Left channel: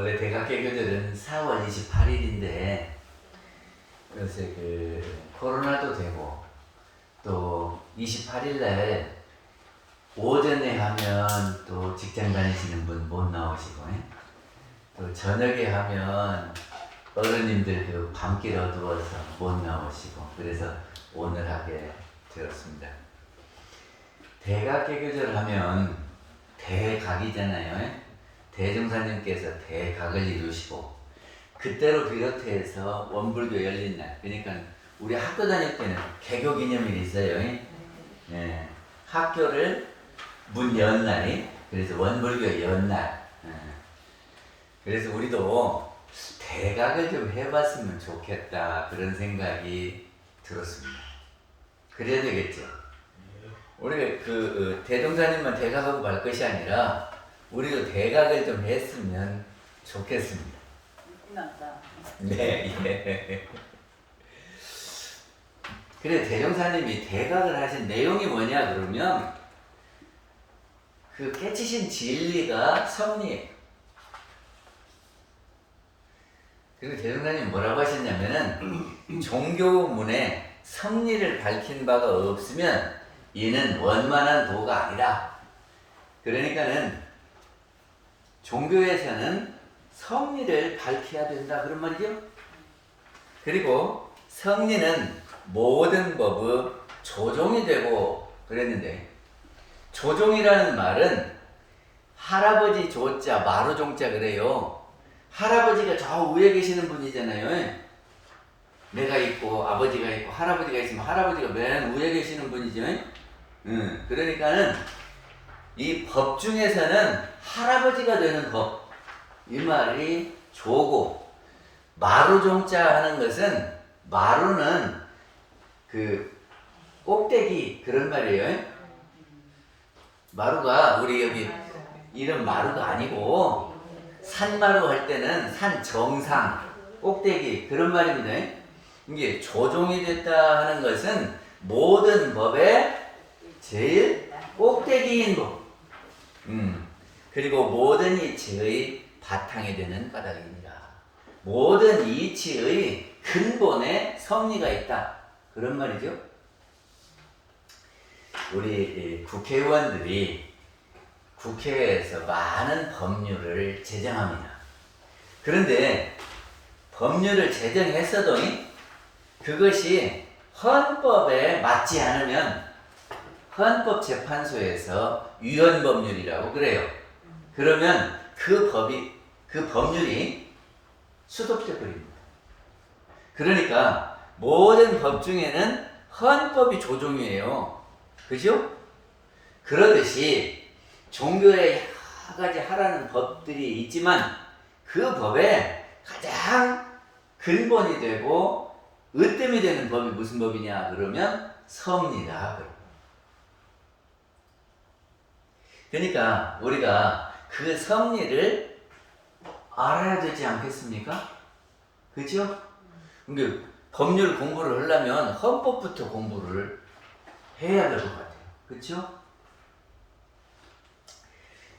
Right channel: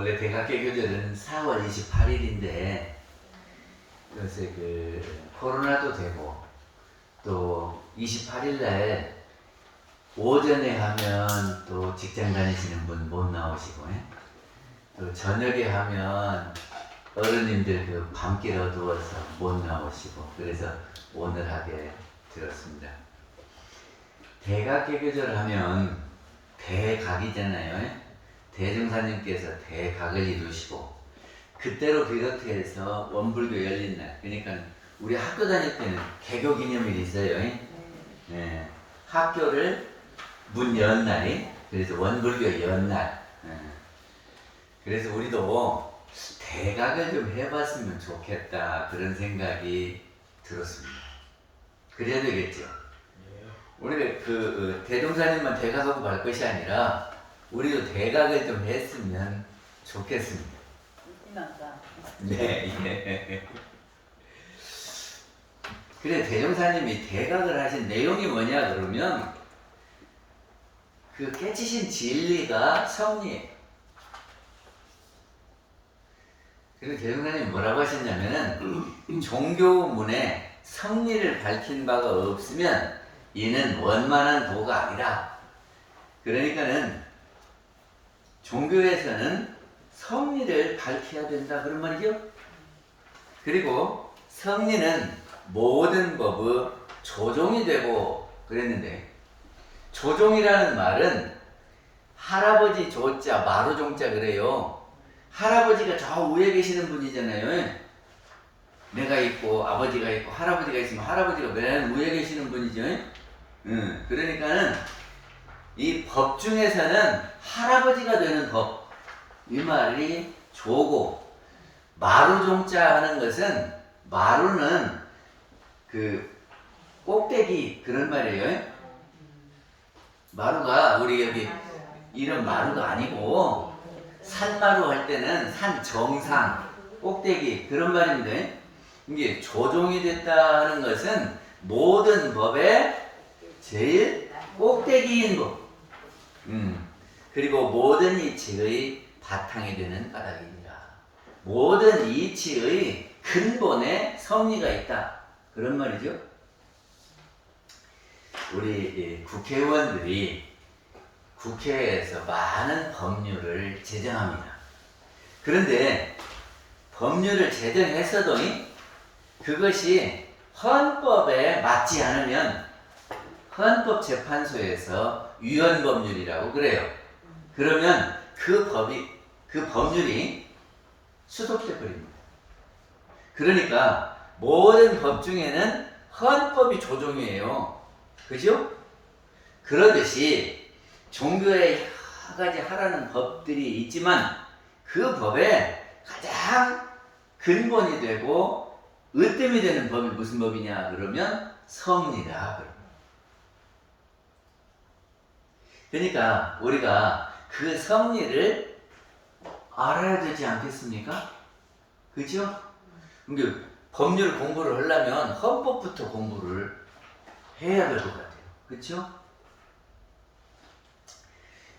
원래 대각개교절은 4월 28일인데 요새 코로나도 되고 또 28일 날 오전에 하면 또 직장 다니시는 분 못 나오시고 또 저녁에 하면 어른님들 밤길 어두워서 못 나오시고 그래서 오늘 하게 되었습니다. 대각개교절 하면 대각이잖아요. 대종사님께서 대각을 이루시고 그때로 비롯해서 원불교 열린 날, 그러니까 우리 학교 다닐 때는 개교 기념일이 있어요. 네. 학교를 문 연 날이, 그래서 원불교 연 날. 그래서 우리도 대각을 좀 해봤으면 좋겠다 그런 생각이 들었습니다. 그래야 되겠죠. 우리가 대종사님만 대각하고 말 것이 아니라 우리도 대각을 좀 했으면 좋겠습니다. 네, 예. 그래, 대종사님이 대각을 하신 내용이 뭐냐 그러면 깨치신 진리가 성리예요. 그리고 대종사님이 뭐라고 하셨냐면은 종교문에 성리를 밝힌 바가 없으면 이는 원만한 도가 아니라, 그러니까는 종교에서는 성리를 밝혀야 된다 그런 말이죠. 그리고 성리는 모든 법의 조종이 되고 그랬는데, 조종이라는 말은 할아버지 조자 마루 종자 그래요. 할아버지가 저 위에 계시는 분이잖아요. 내가 있고 아버지가 있고 할아버지가 있으면 할아버지가 맨 위에 계시는 분이죠. 그러니까는 이 법 중에서는 할아버지가 되는 법, 이 말이 조고, 마루종자 하는 것은, 마루는 꼭대기 그런 말이에요. 마루가 우리 여기 이런 마루가 아니고 산마루 할 때는 산 정상 꼭대기 그런 말입니다. 이게 조종이 됐다 하는 것은 모든 법의 제일 꼭대기인 법, 그리고 모든 이치의 바탕이 되는 까닭입니다. 모든 이치의 근본에 성리가 있다 그런 말이죠. 우리 국회의원들이 국회에서 많은 법률을 제정합니다. 그런데 법률을 제정했어도 그것이 헌법에 맞지 않으면 헌법재판소에서 위헌법률이라고 그래요. 그러면 그 법률이 수독돼 버립니다. 그러니까 모든 법 중에는 헌법이 조종이에요. 그죠? 그러듯이 종교에 여러 가지 하라는 법들이 있지만 그 법에 가장 근본이 되고 으뜸이 되는 법이 무슨 법이냐 그러면 성리다. 그러니까 우리가 그 성리를 알아야 되지 않겠습니까? 그죠? 그러니까 법률 공부를 하려면 헌법부터 공부를 해야 될 것 같아요. 그렇죠?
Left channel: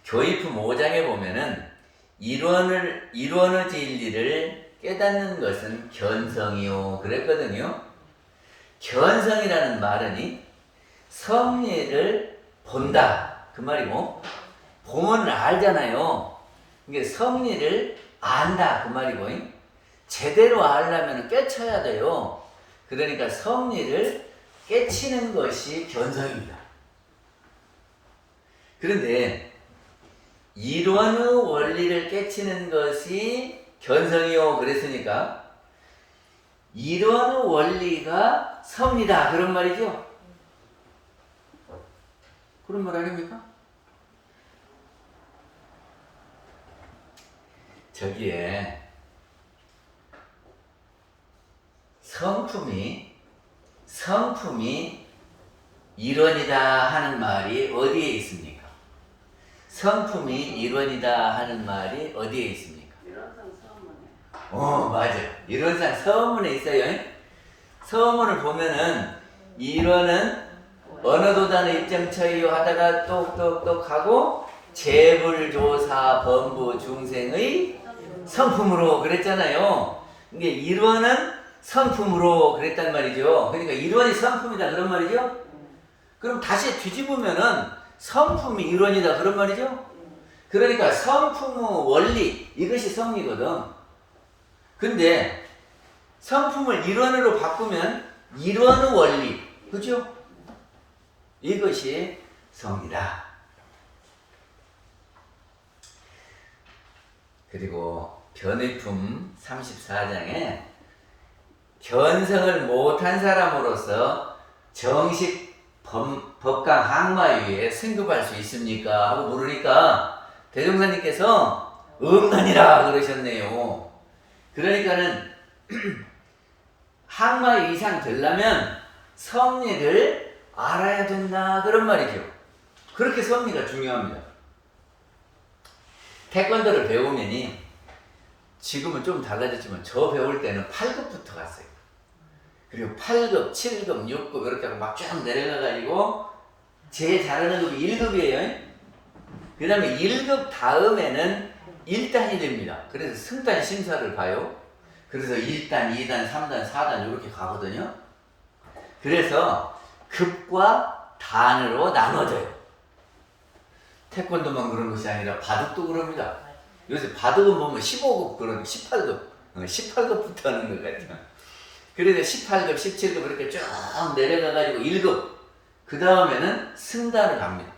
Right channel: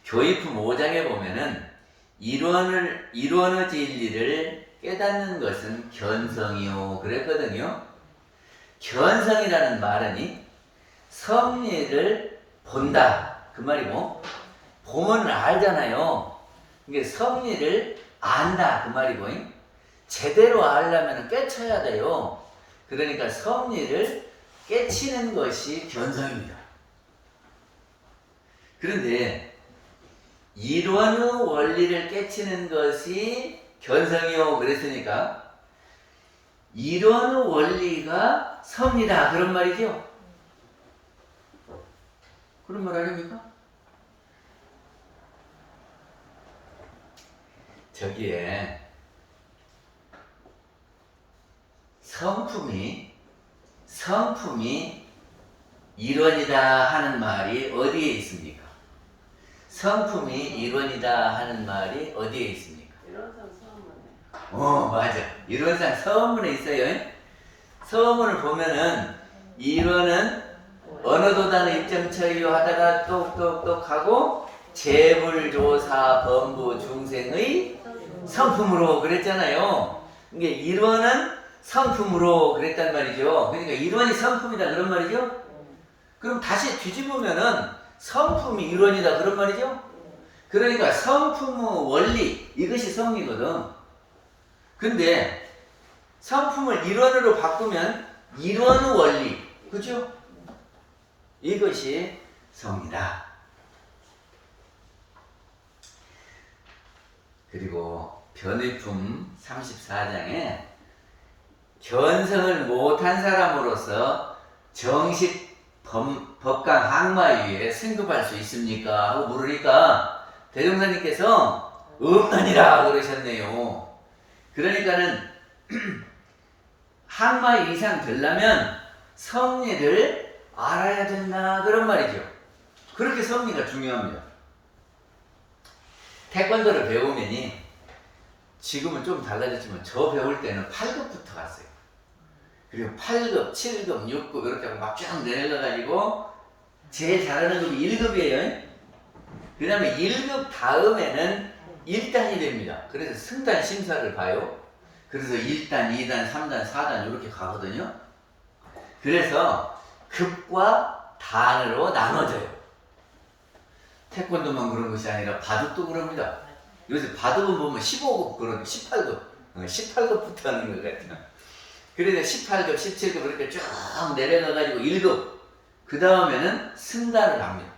교의품 5장에 보면은 일원의 진리를 깨닫는 것은 견성이요 그랬거든요. 견성이라는 말은 성리를 본다 그 말이고, 보면 알잖아요. 이게 성리를 안다 그 말이고, 제대로 알려면 깨쳐야 돼요. 그러니까 성리를 깨치는 것이 견성입니다. 그런데 이론의 원리를 깨치는 것이 견성이요 그랬으니까 이론의 원리가 성리다 그런 말이죠. 그런 말 아닙니까? 저기에 성품이 이론이다 하는 말이 어디에 있습니까? 성품이 이론이다 하는 말이 어디에 있습니까? 맞아. 이론상 서문에 있어요. 서문을 보면은 이론은 어느 도단의 입장처이요 하다가 똑똑똑 하고 재불조사 범부 중생의 성품으로 그랬잖아요. 이게 일원은 성품으로 그랬단 말이죠. 그러니까 일원이 성품이다 그런 말이죠. 그럼 다시 뒤집으면은 성품이 일원이다 그런 말이죠. 그러니까 성품의 원리 이것이 성이거든. 근데 성품을 일원으로 바꾸면 일원의 원리, 그죠? 이것이 성이다. 그리고 변의품 34장에 견성을 못한 사람으로서 정식 법강 항마위에 승급할 수 있습니까? 하고 물으니까 대종사님께서 음간이라 그러셨네요. 그러니까는 항마위 이상 되려면 섭리를 알아야 된다 그런 말이죠. 그렇게 섭리가 중요합니다. 태권도를 배우면이 지금은 좀 달라졌지만 저 배울 때는 8급부터 갔어요. 그리고 8급, 7급, 6급 이렇게 하고 막 쭉 내려가가지고 제일 잘하는 급이 1급이에요. 그 다음에 1급 다음에는 1단이 됩니다. 그래서 승단 심사를 봐요. 그래서 1단, 2단, 3단, 4단 이렇게 가거든요. 그래서 급과 단으로 나눠져요. 태권도만 그런 것이 아니라 바둑도 그럽니다. 요새 바둑은 보면 15급 그런 18급, 18급부터 하는 것 같아요. 그래서 18급, 17급 이렇게 쭉 내려가가지고 1급, 그 다음에는 승단을 갑니다.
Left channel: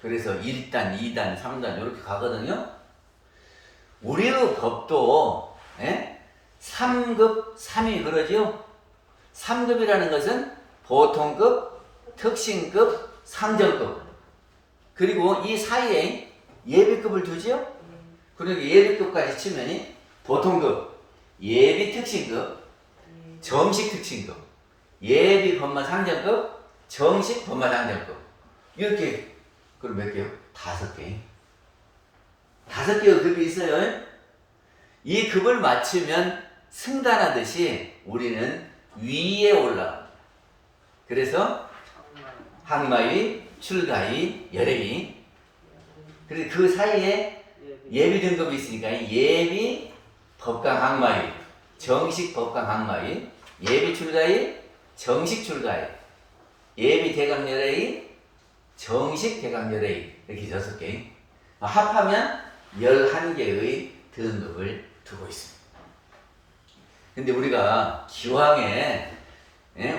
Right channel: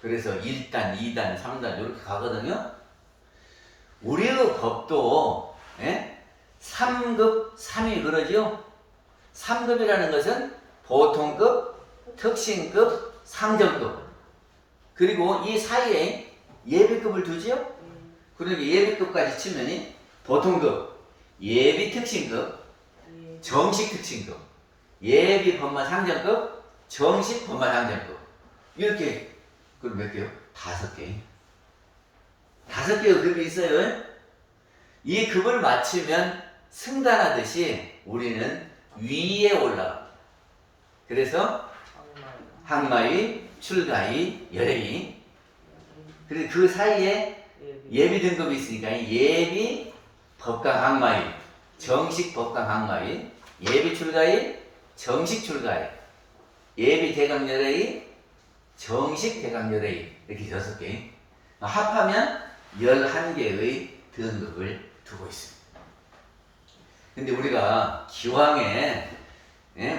그래서 1단, 2단, 3단 이렇게 가거든요. 우리의 법도 3급, 3위 그러지요. 3급이라는 것은 보통급, 특신급, 상정급. 그리고 이 사이에 예비급을 두지요. 그러니까 예비급까지 치면이 보통급, 예비특신급, 정식특신급, 예비법마상정급, 정식법마상정급. 이렇게 그럼 몇 개요? 5개. 5개의 급이 있어요. 이 급을 맞추면 승단하듯이 우리는 위에 올라갑니다. 그래서 항마위, 출가위, 열애위. 그래서 그 사이에 예비 등급이 있으니까 예비 법강 항마위, 정식 법강 항마위, 예비 출가위, 정식 출가위, 예비 대강 열애위, 정식 대강 열애위. 이렇게 6개. 합하면 11개의 등급을 두고 있습니다. 근데 우리가 기왕에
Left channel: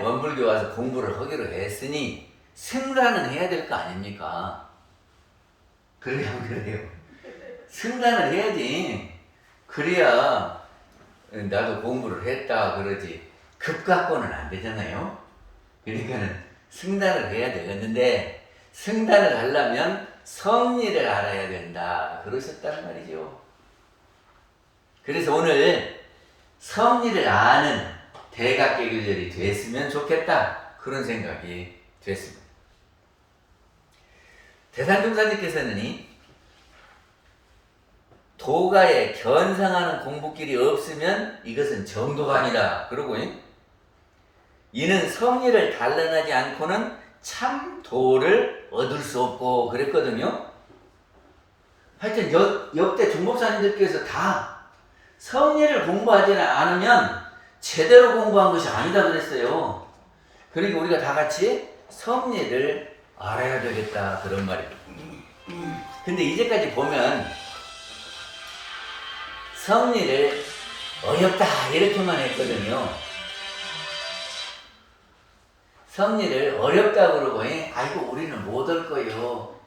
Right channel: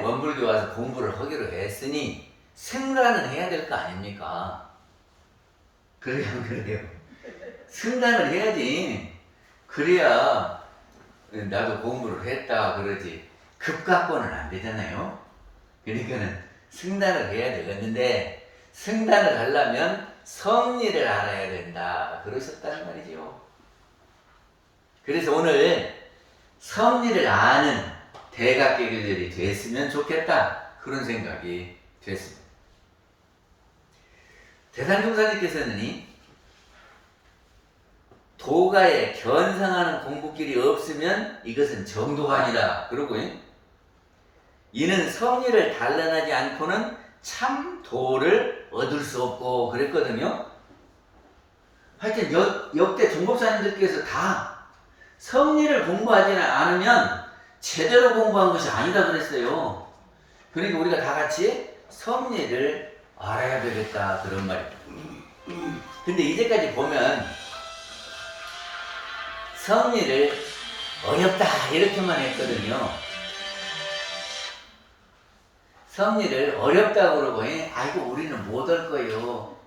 원불교 와서 공부를 하기로 했으니 승단은 해야 될 거 아닙니까? 그래야 안 그래요? 승단을 해야지. 그래야 나도 공부를 했다 그러지. 급 갖고는 안 되잖아요. 그러니까는 승단을 해야 되겠는데 승단을 하려면 섭리를 알아야 된다 그러셨단 말이죠. 그래서 오늘 섭리를 아는 대각계교절이 됐으면 좋겠다 그런 생각이 됐습니다. 대산종사님께서는 도가에 견성하는 공부길이 없으면 이것은 정도가 아니다 그러고 이는 섭리를 단련하지 않고는 참 도를 얻을 수 없고 그랬거든요. 하여튼 역대 종법사님들께서 다 섭리를 공부하지 않으면 제대로 공부한 것이 아니다 그랬어요. 그러니까 우리가 다 같이 섭리를 알아야 되겠다 그런 말입니다. 근데 이제까지 보면 섭리를 어렵다 이렇게만 했거든요. 섭리를 어렵다 그러고 아이고 우리는 못 할 거예요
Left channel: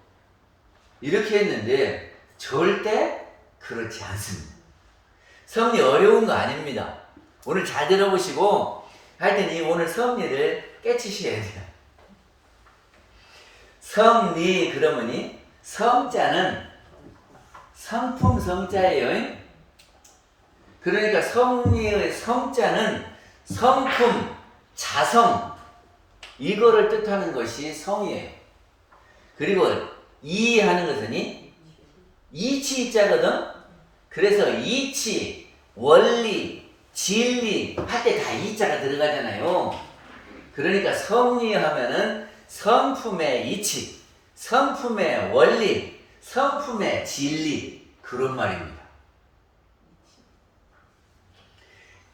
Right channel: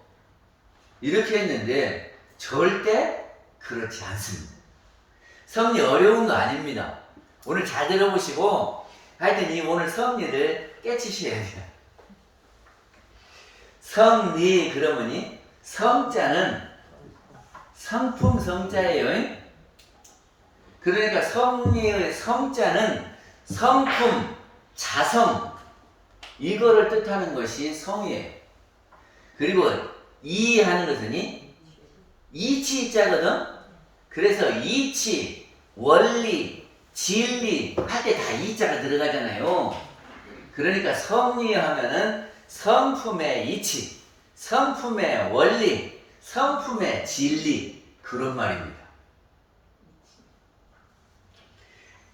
이렇게 했는데 절대 그렇지 않습니다. 섭리 어려운 거 아닙니다. 오늘 잘 들어보시고 하여튼 이 오늘 섭리를 깨치셔야 돼요. 섭리 그러면이 성자는 성품 성자예요. 그러니까 섭리의 성자는 성품, 자성 이거를 뜻하는 것이 성이에요. 그리고 이하는 것은 이치자거든. 그래서 이치, 원리, 진리 할 때 다 이자가 들어가잖아요. 그러니까 섭리 하면은 성품의 이치, 성품의 원리, 성품의 진리 그런 말입니다.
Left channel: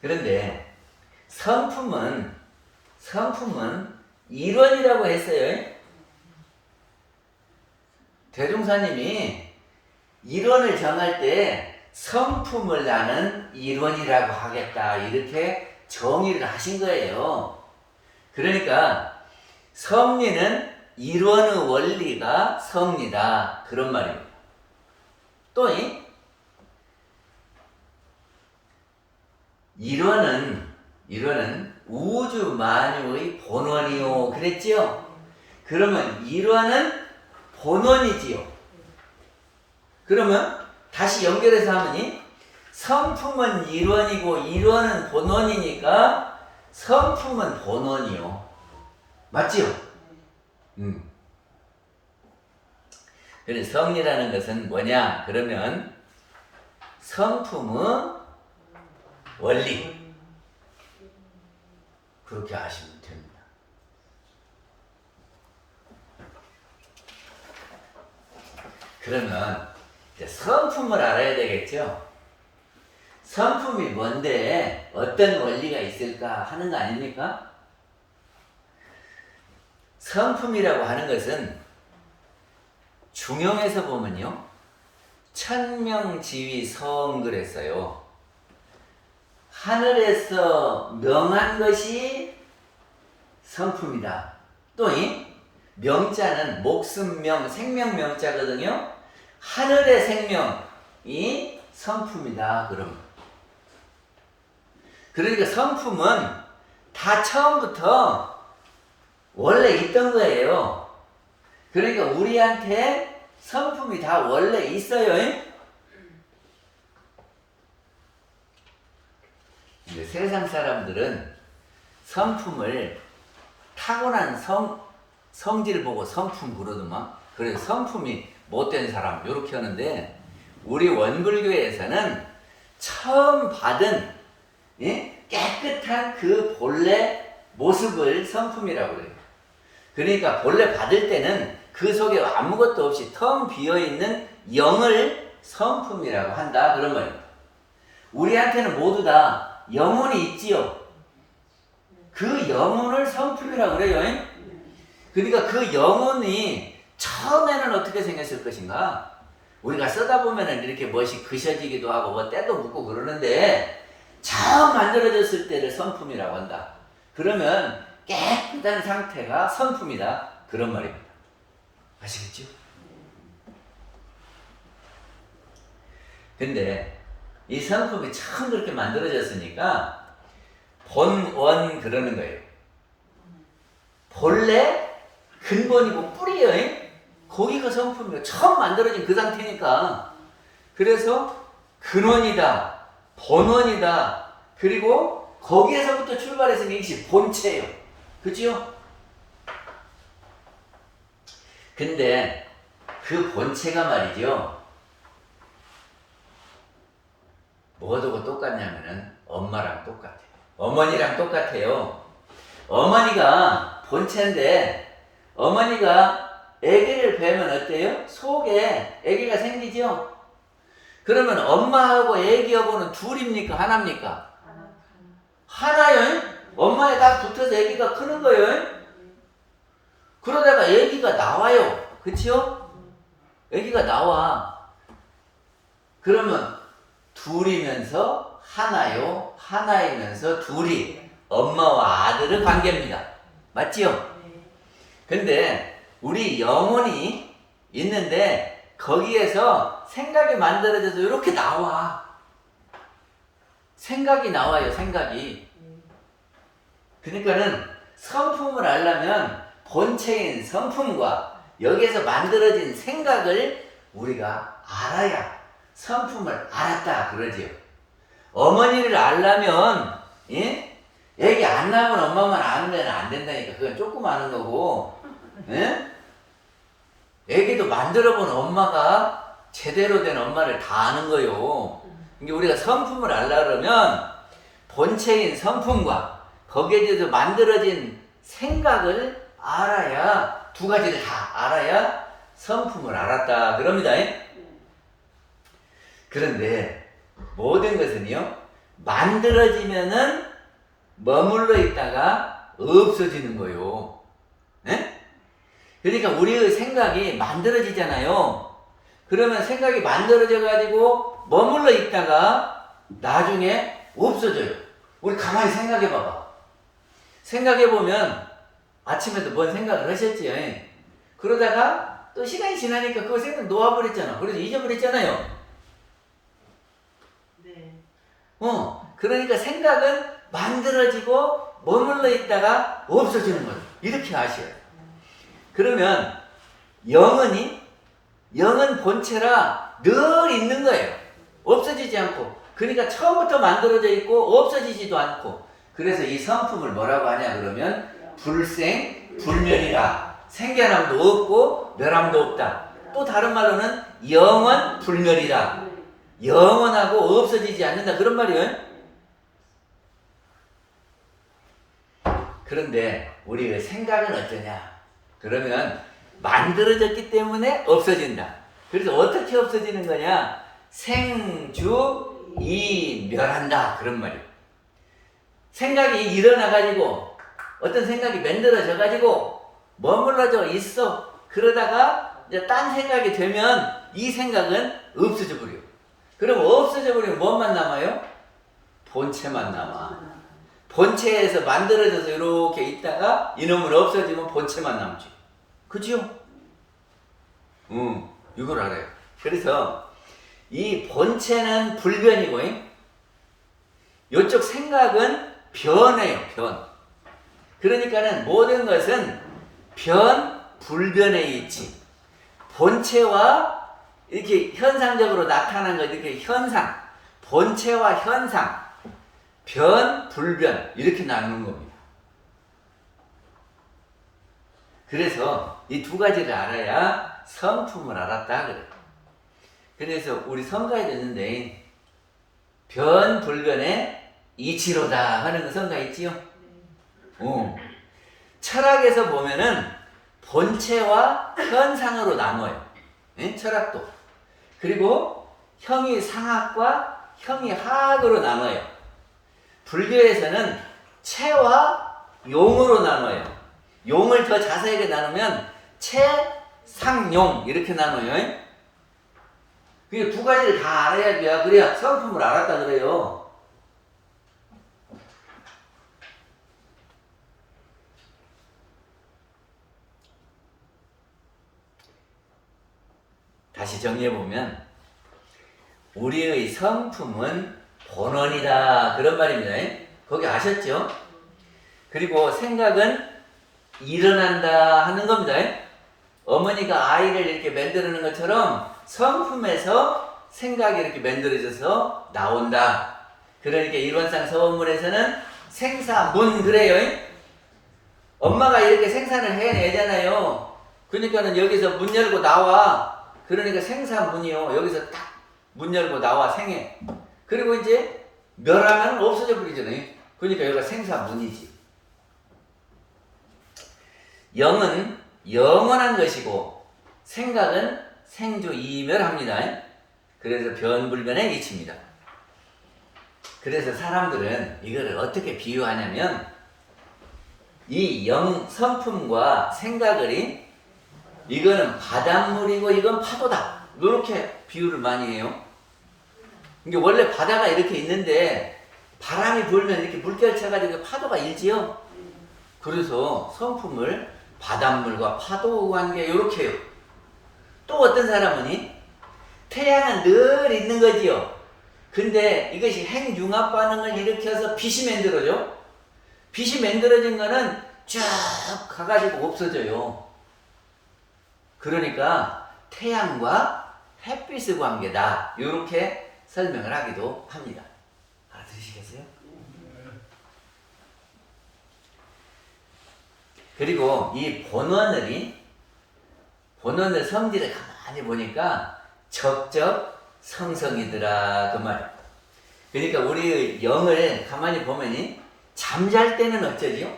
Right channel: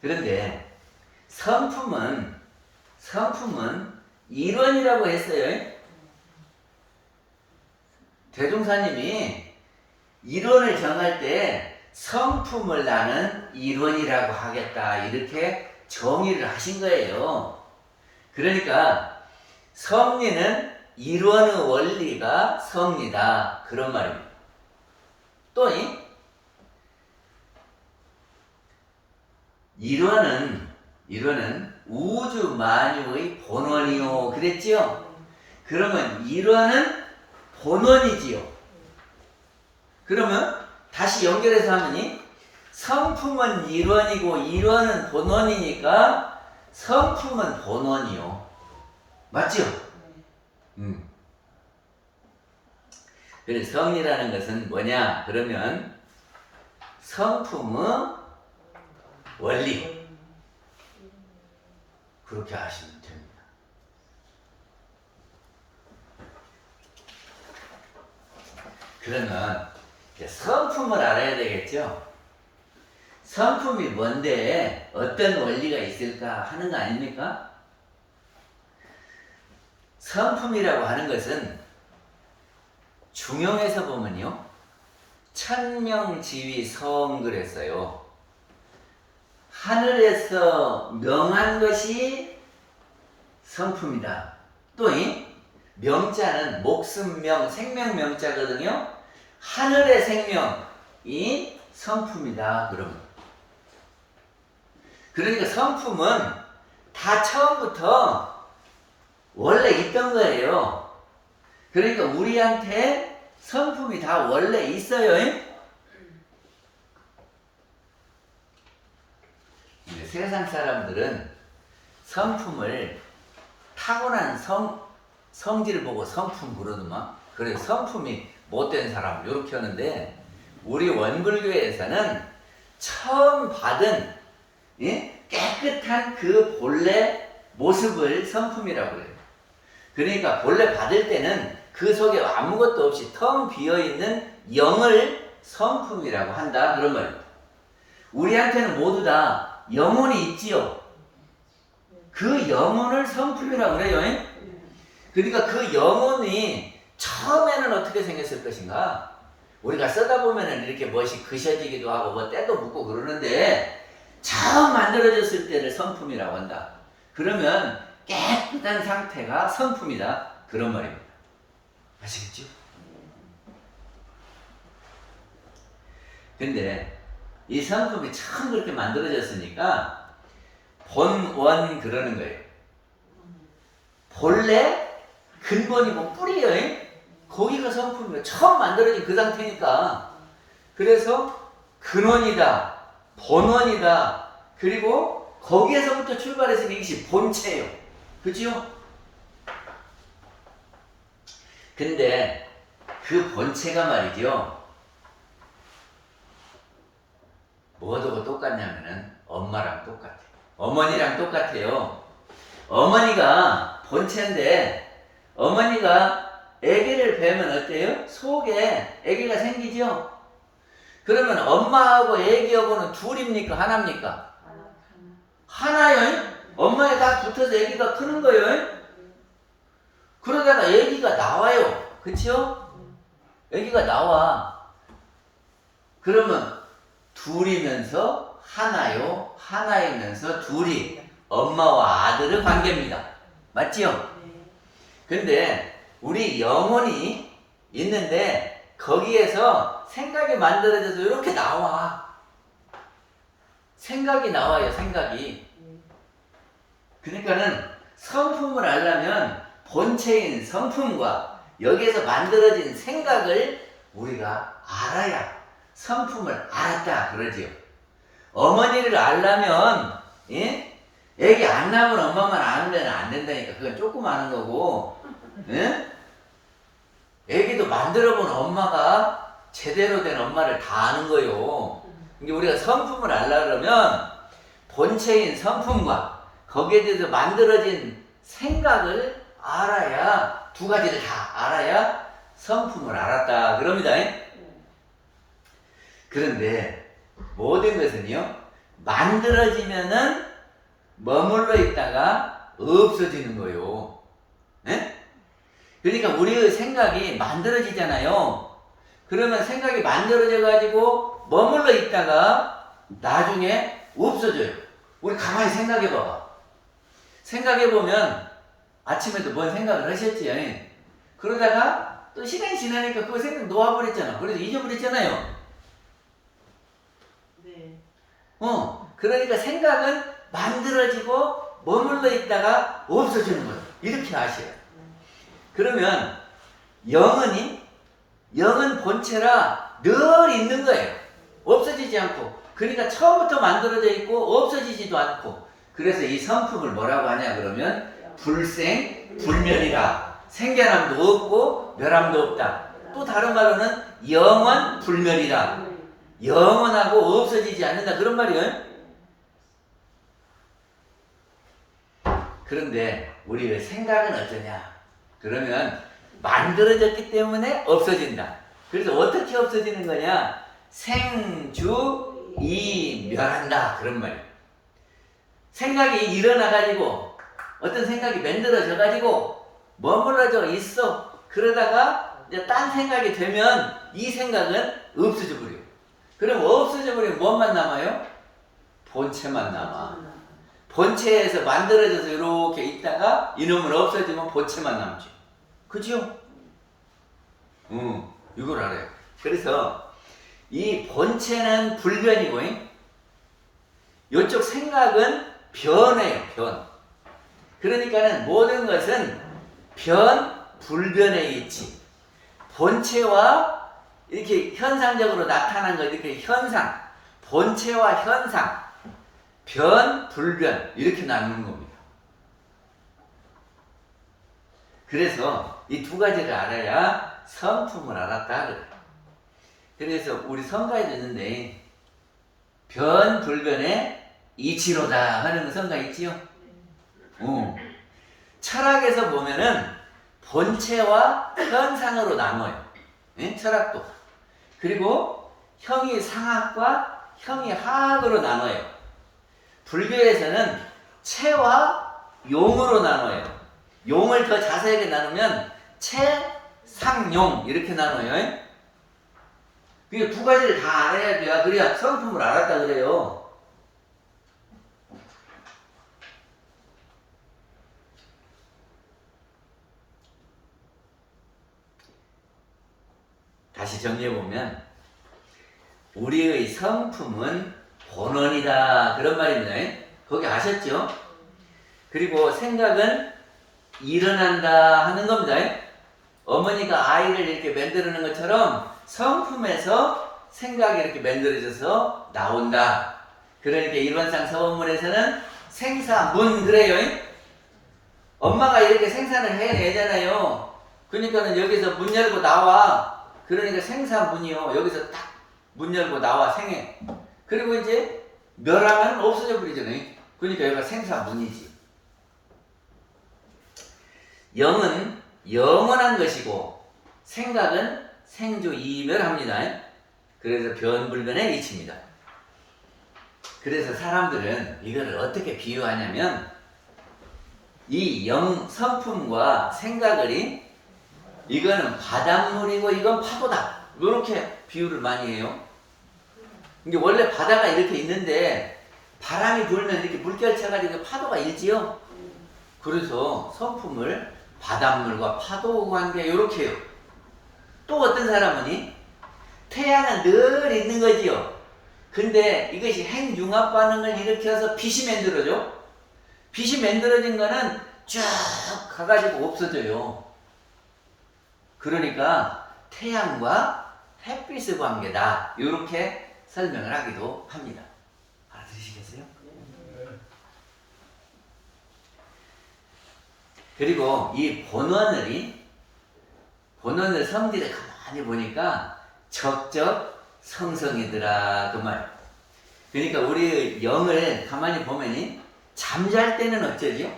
그런데 성품은 이론이라고 했어요. 대종사님이 이론을 정할 때 성품을 나는 이론이라고 하겠다 이렇게 정의를 하신 거예요. 그러니까 성리는 이론의 원리가 성리다 그런 말입니다. 또 이론은 우주 만유의 본원이요 그랬지요? 그러면 이론은 본원이지요. 그러면 다시 연결해서 하면 성품은 이론이고 이론은 본원이니까 성품은 본원이요. 맞지요? 그래서 성리라는 것은 뭐냐? 그러면 성품의 원리. 그렇게 아시면 됩니다. 그러면 이제 성품을 알아야 되겠죠? 성품이 뭔데 어떤 원리가 있을까 하는 거 아닙니까? 성품이라고 하는 것은 중용에서 보면요. 천명지위성 그랬어요. 하늘에서 명한 것이 성품이다. 또 명자는 목숨명, 생명명자거든요. 하늘의 생명이 성품이다. 그러니까 성품은 다 처음부터 원래 있던 거예요. 그러니까 우리한테 성품이 다 원래 있어요. 근데 세상 사람들은 성품을 타고난 성질을 보고 성품 부르더만. 그래서 성품이 못된 사람 이렇게 하는데 우리 원불교에서는 처음 받은 깨끗한 그 본래 모습을 성품이라고 그래요. 그러니까 본래 받을 때는 그 속에 아무것도 없이 텅 비어있는 영을 성품이라고 한다 그런 말입니다. 우리한테는 모두 다 영혼이 있지요. 그 영혼을 성품이라고 그래요. 그러니까 그 영혼이 처음에는 어떻게 생겼을 것인가? 우리가 쓰다 보면은 이렇게 멋이 그셔지기도 하고 뭐 때도 묻고 그러는데 처음 만들어졌을 때를 성품이라고 한다. 그러면 깨끗한 상태가 성품이다. 그런 말입니다. 아시겠죠? 근데 이 성품이 처음 그렇게 만들어졌으니까 본원 그러는 거예요. 본래 근본이고 뿌리예요. 거기가 성품이에요. 처음 만들어진 그 상태니까. 그래서 근원이다. 본원이다. 그리고 거기에서부터 출발해서 이것이 본체예요. 그치요? 근데 그 본체가 말이죠. 뭐하고 똑같냐면은 엄마랑 똑같아요. 어머니랑 똑같아요. 어머니가 본체인데 어머니가 아기를 배면 어때요? 속에 아기가 생기죠? 그러면 엄마하고 아기하고는 둘입니까? 하나입니까? 하나요? 엄마에 딱 붙어서 아기가 크는 거예요. 그러다가 아기가 나와요. 그치요? 아기가 나와. 그러면 둘이면서 하나요. 하나이면서 둘이 엄마와 아들의 관계입니다. 맞지요? 근데 우리 영혼이 있는데 거기에서 생각이 만들어져서 이렇게 나와. 생각이 나와요. 생각이. 그러니까는 성품을 알려면 본체인 성품과 여기에서 만들어진 생각을 우리가 알아야 성품을 알았다 그러지요. 어머니를 알려면 애기 안 낳으면 엄마만 알면 안 된다니까. 그건 조금 아는 거고 애기도 만들어본 엄마가 제대로 된 엄마를 다 아는 거요. 그러니까 우리가 성품을 알려면 본체인 성품과 거기에 대해서 만들어진 생각을 알아야, 두 가지를 다 알아야 성품을 알았다 그럽니다. 그런데 모든 것은요 만들어지면은 머물러 있다가 없어지는 거예요. 네? 그러니까 우리의 생각이 만들어지잖아요. 그러면 생각이 만들어져 가지고 머물러 있다가 나중에 없어져요. 우리 가만히 생각해 봐봐. 생각해 보면 아침에도 뭔 생각을 하셨지. 그러다가 또 시간이 지나니까 그 생각 놓아버렸잖아. 그래서 잊어버렸잖아요. 네. 그러니까 생각은 만들어지고 머물러 있다가 없어지는 거예요. 이렇게 아셔요. 그러면 영은 본체라 늘 있는 거예요. 없어지지 않고. 그러니까 처음부터 만들어져 있고 없어지지도 않고. 그래서 이 성품을 뭐라고 하냐 그러면 불생 불멸이라. 생겨남도 없고 멸함도 없다. 또 다른 말로는 영원 불멸이라. 영원하고 없어지지 않는다. 그런 말이에요. 그런데 우리의 생각은 어떠냐? 그러면 만들어졌기 때문에 없어진다. 그래서 어떻게 없어지는 거냐? 생주이멸한다. 그런 말이에요. 생각이 일어나가지고 어떤 생각이 만들어져가지고 머물러져 있어. 그러다가 이제 딴 생각이 되면 이 생각은 없어져 버려요. 그럼 없어져 버리면 뭐만 남아요? 본체만 남아. 본체에서 만들어져서 이렇게 있다가 이놈은 없어지면 본체만 남지. 그죠? 이걸 알아요. 그래서 이 본체는 불변이고 이쪽 생각은 변해요. 변. 그러니까는 모든 것은 변, 불변에 있지. 본체와 이렇게 현상적으로 나타난 거 이렇게 현상, 본체와 현상, 변, 불변 이렇게 나누는 겁니다. 그래서 이 두 가지를 알아야 성품을 알았다 그래. 그래서 우리 성가에도 있는데 변, 불변의 이치로다 하는 그 성가 있지요? 철학에서 보면은 본체와 현상으로 나눠요. 예? 철학도. 그리고 형이 상학과 형이 하학으로 나눠요. 불교에서는 체와 용으로 나눠요. 용을 더 자세하게 나누면 체, 상, 용 이렇게 나눠요. 그 두 가지를 다 알아야 돼요. 그래야 성품을 알았다 그래요. 다시 정리해보면 우리의 성품은 본원이다 그런 말입니다. 거기 아셨죠? 그리고 생각은 일어난다 하는 겁니다. 어머니가 아이를 이렇게 만들어내는 것처럼 성품에서 생각이 이렇게 만들어져서 나온다. 그러니까 일원상 서원문에서는 생사문 그래요. 엄마가 이렇게 생산을 해내잖아요. 그러니까는 여기서 문 열고 나와. 그러니까 생사문이요. 여기서 딱 문 열고 나와 생해. 그리고 이제 멸하면 없어져 버리잖아요. 그러니까 여기가 생사문이지. 영은 영원한 것이고 생각은 생주이멸합니다. 그래서 변불변의 이치입니다. 그래서 사람들은 이거를 어떻게 비유하냐면 이 성품과 생각을 이거는 바닷물이고 이건 파도다. 이렇게 비유를 많이 해요. 이게 원래 바다가 이렇게 있는데 바람이 불면 이렇게 물결 차가지고 파도가 일지요. 그래서 성품을 바닷물과 파도 관계 이렇게 해요. 또 어떤 사람은 태양은 늘 있는 거지요. 근데 이것이 핵융합 반응을 일으켜서 빛이 만들어져. 빛이 만들어진 거는 쭉 가가지고 없어져요. 그러니까 태양과 햇빛의 관계다. 이렇게 설명을 하기도 합니다. 알아들으시겠어요? 그리고 이 본원을 성질을 가만히 보니까 적적 성성이더라 그 말. 그러니까 우리 영을 가만히 보면 잠잘 때는 어쩌지요?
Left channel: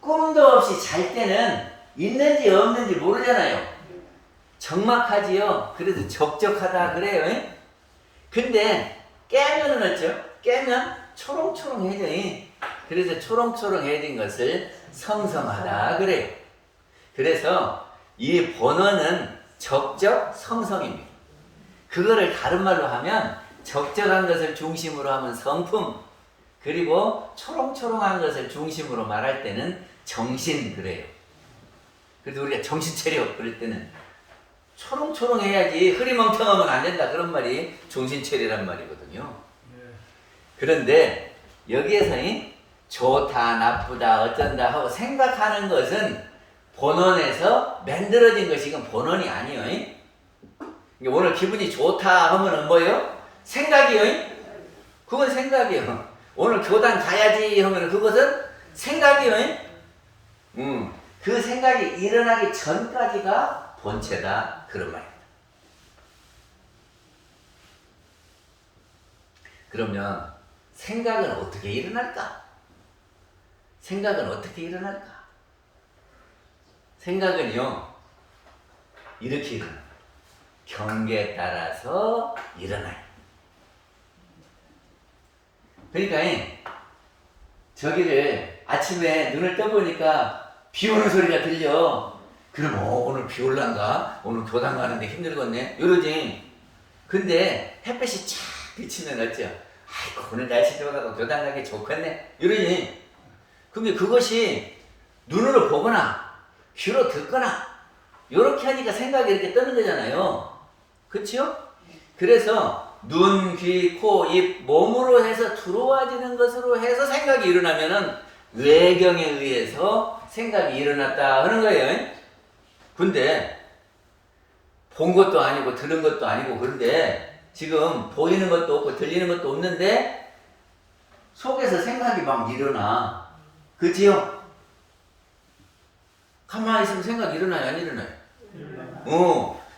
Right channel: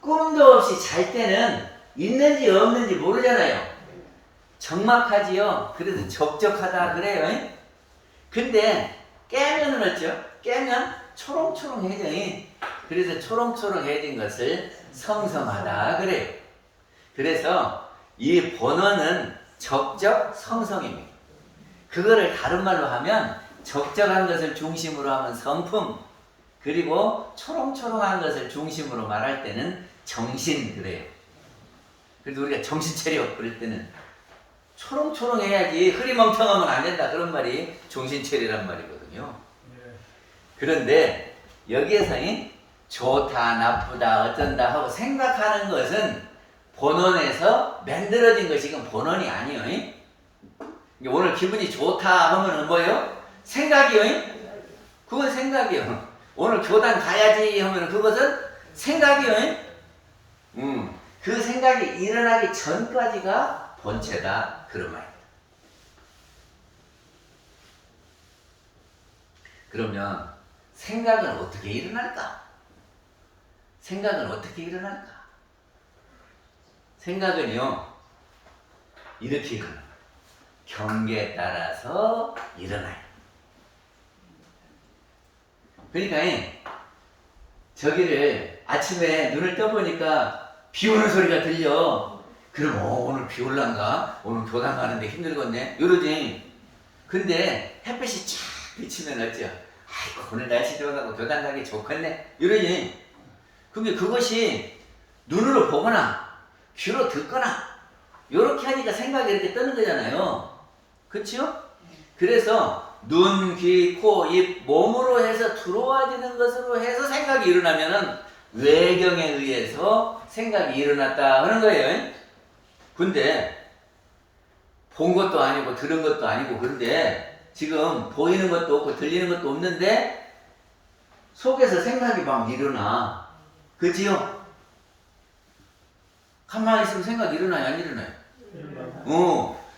꿈도 없이 잘 때는 있는지 없는지 모르잖아요. 적막하지요. 그래서 적적하다 그래요. 근데 깨면은 어쩌? 깨면 초롱초롱해져. 그래서 초롱초롱해진 것을 성성하다 그래요. 그래서 이 본원은 적적 성성입니다. 그거를 다른 말로 하면 적적한 것을 중심으로 하면 성품, 그리고 초롱초롱한 것을 중심으로 말할 때는 정신 그래요. 그래도 우리가 정신 차려 그럴 때는 초롱초롱해야지 흐리멍텅하면 안 된다 그런 말이 정신 차리란 말이거든요. 그런데 여기에서 좋다 나쁘다 어쩐다 하고 생각하는 것은 본원에서 만들어진 것이 건 본원이 아니에요. 오늘 기분이 좋다 하면은 뭐예요? 생각이요. 그건 생각이요. 오늘 교단 가야지 하면은 그것은 생각이요. 그 생각이 일어나기 전까지가 본체다 그런 말입니다. 그러면 생각은 어떻게 일어날까? 생각은 어떻게 일어날까? 생각은요 이렇게 일어나요. 경계에 따라서 일어나요. 그러니까 저기를 아침에 눈을 떠보니까 비 오는 소리가 들려. 그럼 오늘 비 올란가? 오늘 교당 가는데 힘들겠네? 이러지. 근데 햇빛이 쫙 비치면 어쩌? 아이고 오늘 날씨 좋아서 교당 가기 좋겠네? 이러지. 근데 그것이 눈으로 보거나 귀로 듣거나 이렇게 하니까 생각이 이렇게 뜨는 거잖아요. 그치요? 그래서 눈, 귀, 코, 입, 몸으로 해서 들어와지는 것으로 해서 생각이 일어나면은 외경에 의해서 생각이 일어났다 하는 거예요. 근데 본 것도 아니고 들은 것도 아니고 그런데 지금 보이는 것도 없고 들리는 것도 없는데 속에서 생각이 막 일어나. 그치요? 가만히 있으면 생각이 일어나요? 안 일어나요?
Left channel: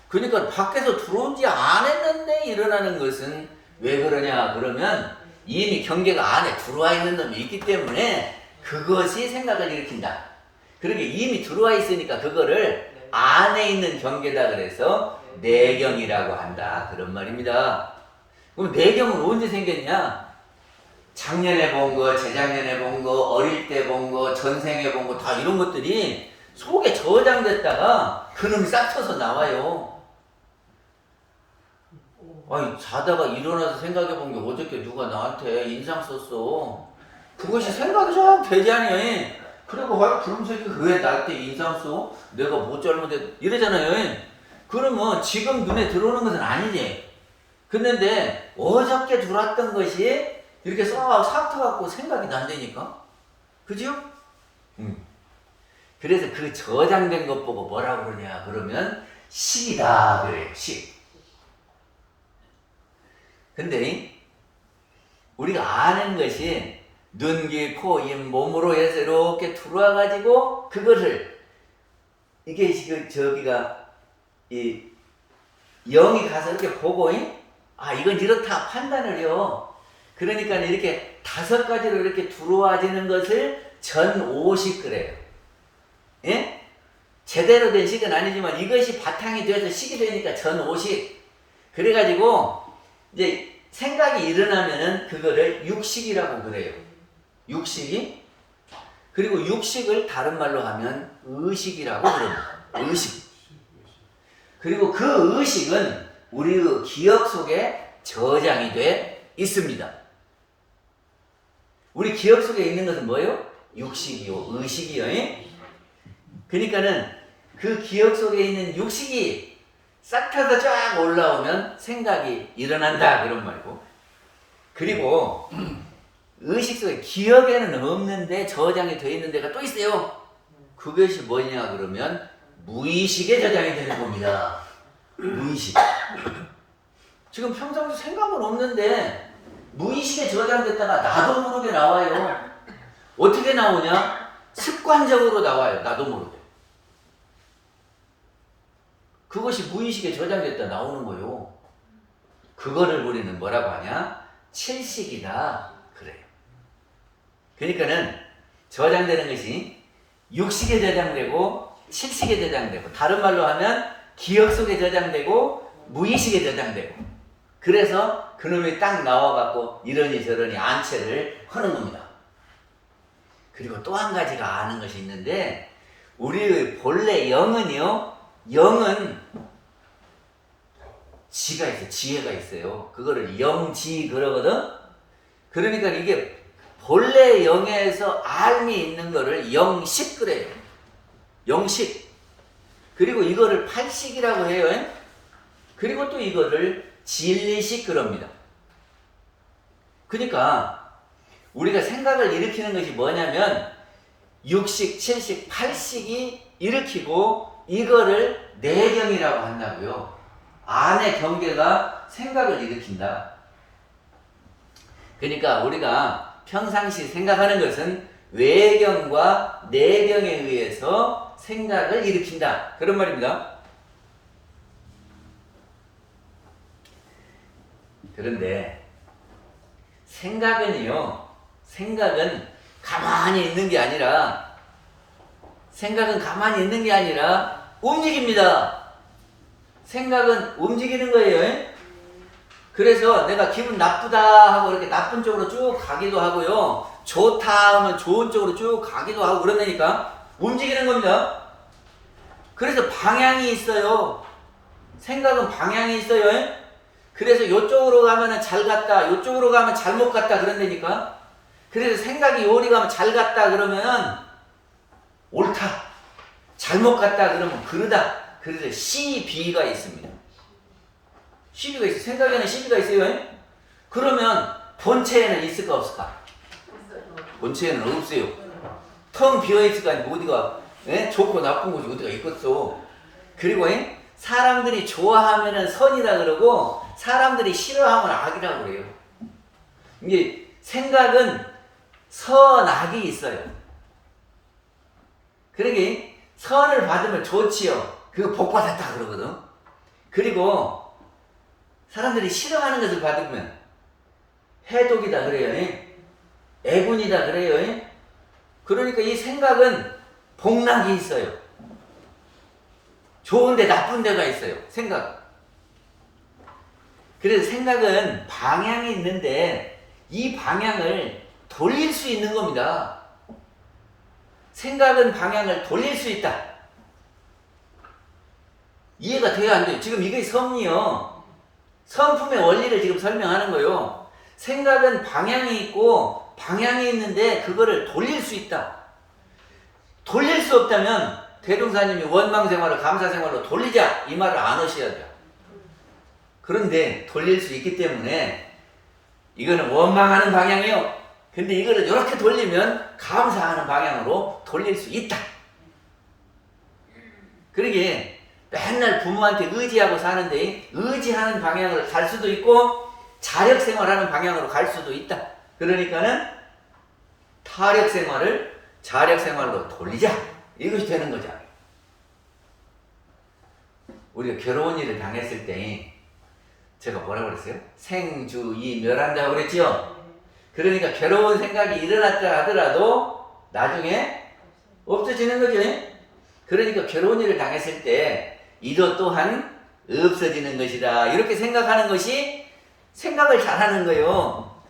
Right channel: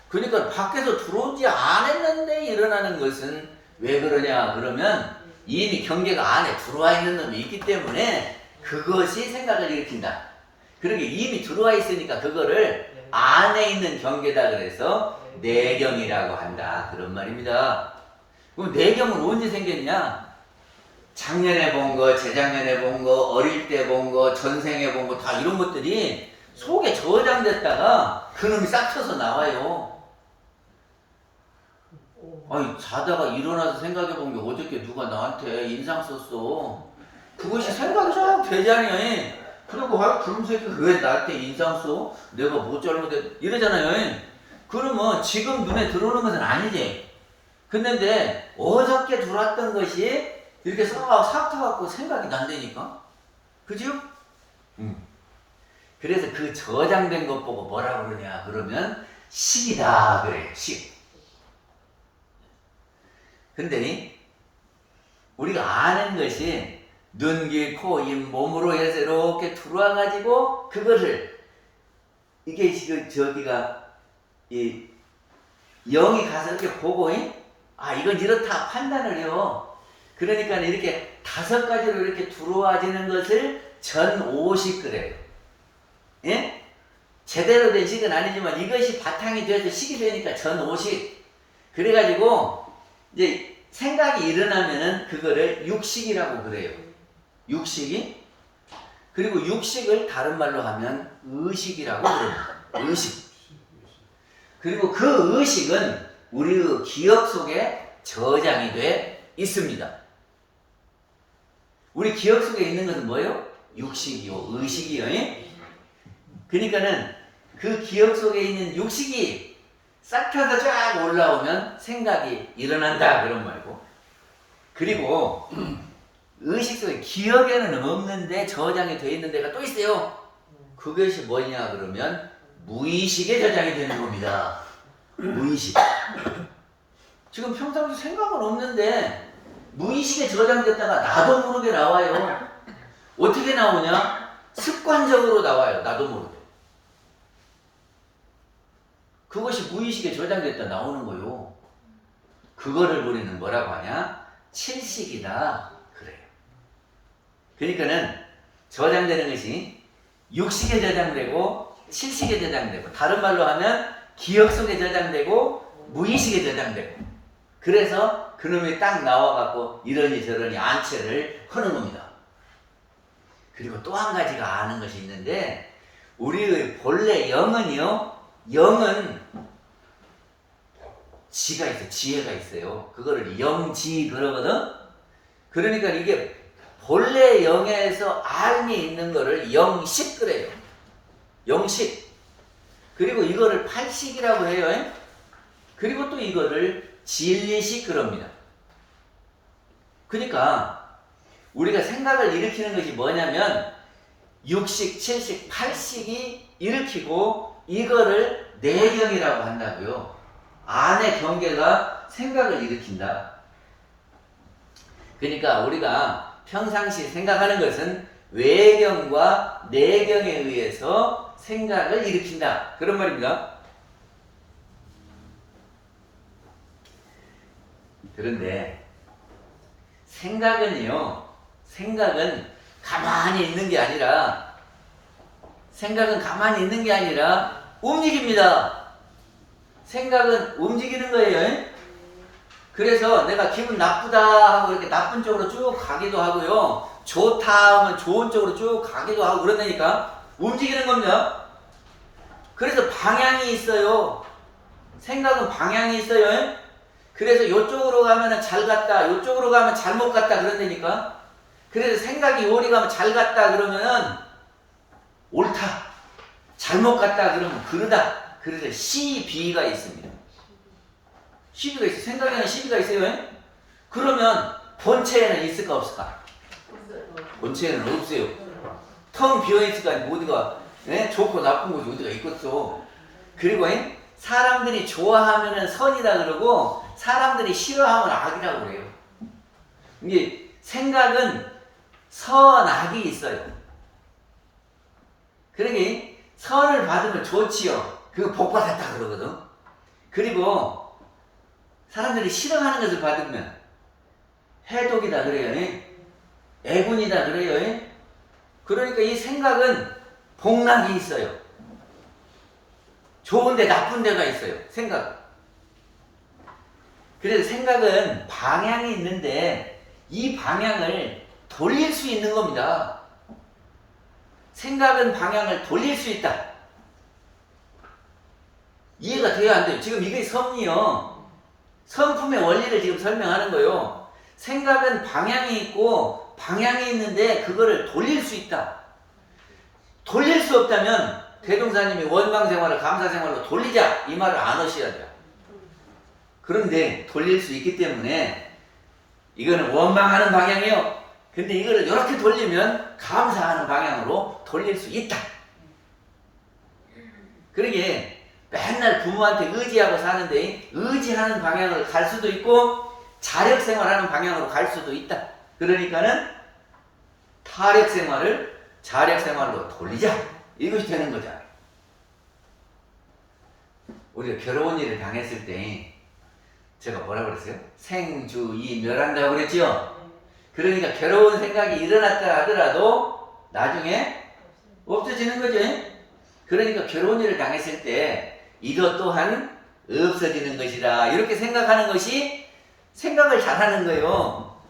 그러니까 밖에서 들어온 지 안 했는데 일어나는 것은 왜 그러냐 그러면 이미 경계가 안에 들어와 있는 놈이 있기 때문에 그것이 생각을 일으킨다. 그러게 이미 들어와 있으니까 그거를 안에 있는 경계다 그래서 내경이라고 한다 그런 말입니다. 그럼 내경은 언제 생겼냐? 작년에 본 거, 재작년에 본 거, 어릴 때 본 거, 전생에 본 거 다 이런 것들이 속에 저장됐다가 그놈이 싹 쳐서 나와요. 아니 자다가 일어나서 생각해 본 게 어저께 누가 나한테 인상 썼어. 그것이 생각이 잘 되지 않니? 그리고 그럼 새끼 왜 나한테 인상 써? 내가 뭐 잘못했 이러잖아요. 그러면 지금 눈에 들어오는 것은 아니지. 근데 어저께 들어왔던 것이 이렇게 싹 터갖고 생각이 난다니까. 그죠? 그래서 그 저장된 것 보고 뭐라 그러냐 그러면 식이다 그래요. 식. 근데 우리가 아는 것이 눈, 귀, 코, 입, 몸으로 해서 이렇게 들어와 가지고 그것을 이게 지금 저기가 이 영이 가서 이렇게 보고 이건 이렇다 판단을 해요. 그러니까 이렇게 5가지로 이렇게 들어와지는 것을 전오식 그래요. 예? 제대로 된 식은 아니지만 이것이 바탕이 돼서 식이 되니까 전오식. 그래가지고 이제 생각이 일어나면은 그거를 육식이라고 그래요. 육식이. 그리고 육식을 다른 말로 하면 의식이라고 그럽니다. 의식. 그리고 그 의식은 우리의 기억 속에 저장이 돼 있습니다. 우리 기억 속에 있는 것은 뭐예요? 육식이요, 의식이요. 그러니까는 그 기억 속에 있는 육식이 싹 펴서 쫙 올라오면 생각이 일어난다 그런 말이고, 그리고 의식 속에 기억에는 없는데 저장이 되어 있는 데가 또 있어요. 그것이 뭐냐 그러면 무의식에 저장이 되는 겁니다. 무의식. 지금 평상시 생각은 없는데 무의식에 저장됐다가 나도 모르게 나와요. 어떻게 나오냐? 습관적으로 나와요. 나도 모르게. 그것이 무의식에 저장됐다 나오는 거요. 그거를 우리는 뭐라고 하냐? 칠식이다 그래요. 그러니까는 저장되는 것이 육식에 저장되고 칠식에 저장되고, 다른 말로 하면 기억 속에 저장되고 무의식에 저장되고, 그래서 그놈이 딱 나와갖고 이러니 저러니 안채를 하는 겁니다. 그리고 또 한 가지가 아는 것이 있는데, 우리의 본래 영은요, 영은 지가 있어요. 지혜가 있어요. 그거를 영지 그러거든. 그러니까 이게 본래 영에서 알미 있는 거를 영식 그래요. 영식. 그리고 이거를 팔식이라고 해요. 그리고 또 이거를 진리식 그럽니다. 그러니까 우리가 생각을 일으키는 것이 뭐냐면 6식, 7식, 8식이 일으키고 이거를 내경이라고 한다고요. 안의 경계가 생각을 일으킨다. 그러니까 우리가 평상시 생각하는 것은 외경과 내경에 의해서 생각을 일으킨다. 그런 말입니다. 그런데 생각은요, 생각은 가만히 있는 게 아니라, 생각은 가만히 있는 게 아니라 움직입니다. 생각은 움직이는 거예요. 그래서 내가 기분 나쁘다 하고 이렇게 나쁜 쪽으로 쭉 가기도 하고요, 좋다 하면 좋은 쪽으로 쭉 가기도 하고 그런다니까. 움직이는 겁니다. 그래서 방향이 있어요. 생각은 방향이 있어요. 그래서 이쪽으로 가면 잘 갔다, 이쪽으로 가면 잘못 갔다 그런다니까. 그래서 생각이 요리 가면 잘 갔다 그러면 옳다, 잘못 갔다 그러면 그르다. 그래서 시비가 있습니다. 시비가 있어요. 생각에는 시비가 있어요. 그러면 본체에는 있을까 없을까? 본체에는 없어요. 텅 비어있을까? 어디가 좋고 나쁜 곳이 어디가 있겠어. 그리고 사람들이 좋아하면 선이다 그러고 사람들이 싫어하면 악이라고 그래요. 이게 생각은 선악이 있어요. 그러게 선을 받으면 좋지요. 그거 복 받았다 그러거든. 그리고 사람들이 싫어하는 것을 받으면 해독이다 그래요. 애군이다 그래요. 그러니까 이 생각은 복락이 있어요. 좋은데 나쁜 데가 있어요. 생각. 그래서 생각은 방향이 있는데 이 방향을 돌릴 수 있는 겁니다. 생각은 방향을 돌릴 수 있다. 이해가 돼야 안 돼요. 지금 이게 성리요. 성품의 원리를 지금 설명하는 거예요. 생각은 방향이 있고 방향이 있는데 그거를 돌릴 수 있다. 돌릴 수 없다면 대동사님이 원망생활을 감사생활로 돌리자 이 말을 안 하셔야 돼요. 그런데 돌릴 수 있기 때문에 이거는 원망하는 방향이요. 근데 이거를 이렇게 돌리면 감사하는 방향으로 돌릴 수 있다. 그러게 맨날 부모한테 의지하고 사는데 의지하는 방향을 갈 수도 있고 자력생활하는 방향으로 갈 수도 있다. 그러니까는 타력생활을 자력생활로 돌리자. 이것이 되는 거잖아요. 우리가 결혼 일을 당했을 때 제가 뭐라고 그랬어요? 생주이 멸한다고 그랬죠? 그러니까 괴로운 생각이 일어났다 하더라도 나중에 없어지는 거죠. 그러니까 괴로운 일을 당했을 때 이것 또한 없어지는 것이다. 이렇게 생각하는 것이 생각을 잘하는 거예요.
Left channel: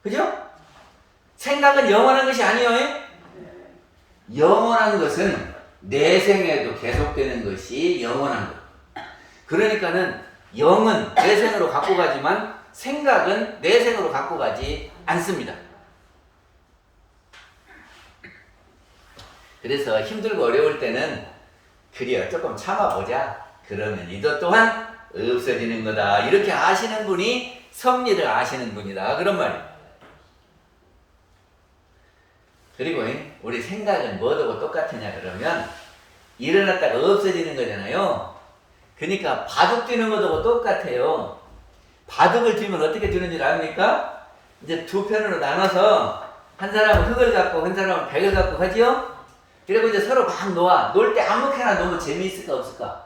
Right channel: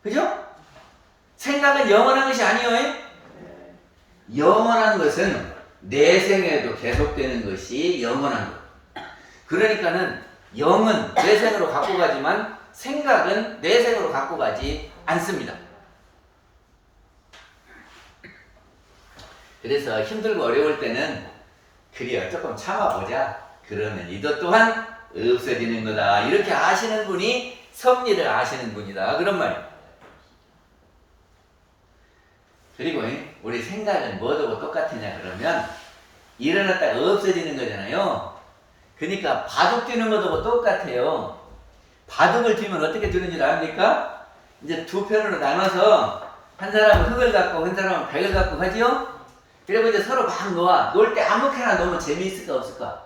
그죠? 생각은 영원한 것이 아니에요. 영원한 것은 내생에도 계속되는 것이 영원한 것. 그러니까는 영은 내생으로 갖고 가지만 생각은 내생으로 갖고 가지 않습니다. 그래서 힘들고 어려울 때는 그래요, 조금 참아보자. 그러면 이것 또한 없어지는 거다. 이렇게 아시는 분이 섭리를 아시는 분이다. 그런 말이에요. 그리고 우리 생각은 뭐하고 똑같으냐 그러면 일어났다가 없어지는 거잖아요. 그러니까 바둑 뛰는 것하고 똑같아요. 바둑을 뛰면 어떻게 뛰는 줄 압니까? 이제 두 편으로 나눠서 한 사람은 흙을 갖고 한 사람은 백을 갖고 하지요? 그리고 이제 서로 막 놓아. 놓을 때 아무렇게나 놓으면 재미있을까 없을까?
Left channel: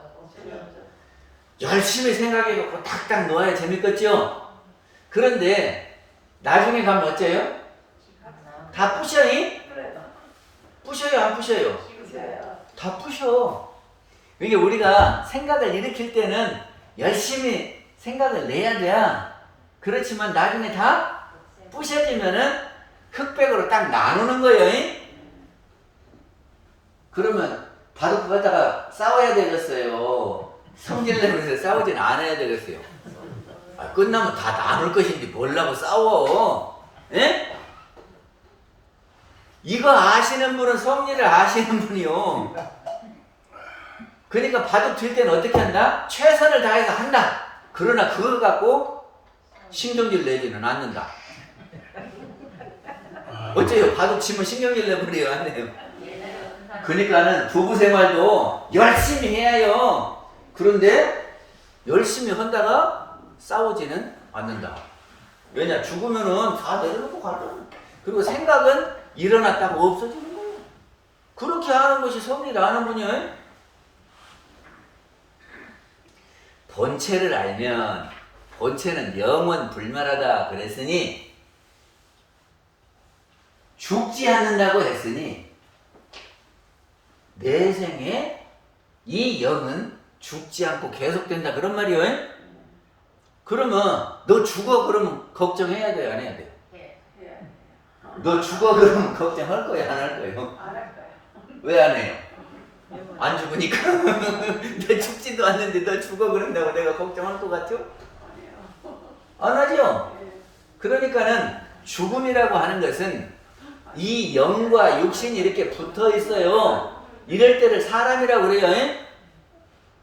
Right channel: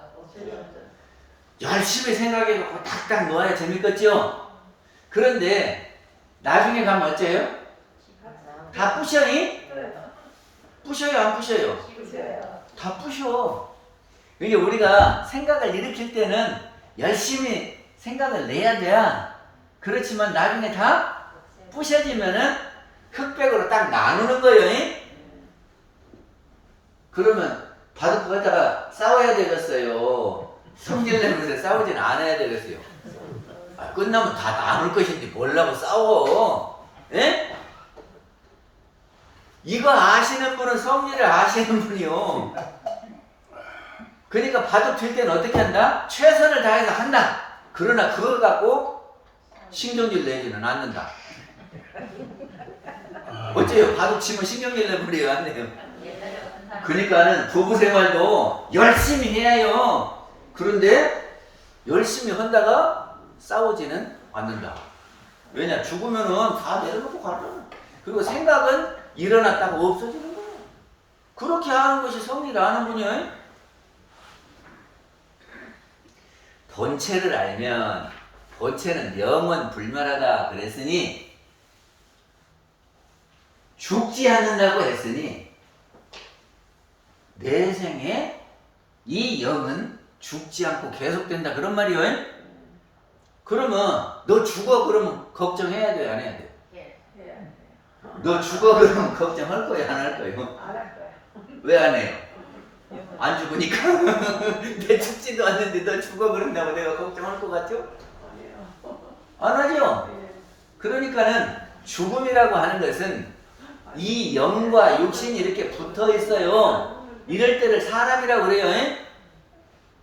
열심히 생각해갖고 딱딱 놓아야 재밌겠죠? 그런데 나중에 가면 어째요? 다 부셔요? 부셔요 안 부셔요? 다 부셔. 이게 우리가 생각을 일으킬 때는 열심히 생각을 내야 돼. 그렇지만 나중에 다 부셔지면은 흑백으로 딱 나누는 거예요. 잉? 그러면 바둑 갖다가 싸워야 되겠어요. 성질 내면서 싸우진 않아야 되겠어요. 끝나면 다 나눌 것인지 몰라고 싸워. 예? 이거 아시는 분은 성질을 아시는 분이요. 그러니까 바둑 들 때는 어떻게 한다? 최선을 다해서 한다. 그러나 그거 갖고 신경질 내지는 않는다. 어째요? 바둑 치면 신경질 내버려요? 안 내요? 그러니까는 부부 생활도 열심히 해야 해요. 그런데 열심히 한다가 싸우지는 않는다. 왜냐? 죽으면은 다 내려놓고 가잖아. 그리고 생각은 일어났다가 없어지는 거예요. 그렇게 하는 것이 성리를 아는 분이에요. 본체를 알면 본체는 영원 불멸하다 그랬으니 죽지 않는다고 했으니 내 생에 이 영은 죽지 않고 계속된다 그런 말이에요. 그러면 너 죽어 그러면 걱정해야 돼요? 안 해야 돼요? 너 죽어 그러면 걱정할 거예요? 안 할 거예요? 왜 안 해요? 안 죽으니까. 내 죽지도 않는데 너 죽어 그런다고 내가 걱정할 것 같죠? 안 하죠? 그러니까는 죽음이라고 하는 것은 이 영과 육신이 이렇게 붙어 있어요. 이럴 때를 사람이라고 그래요. 에?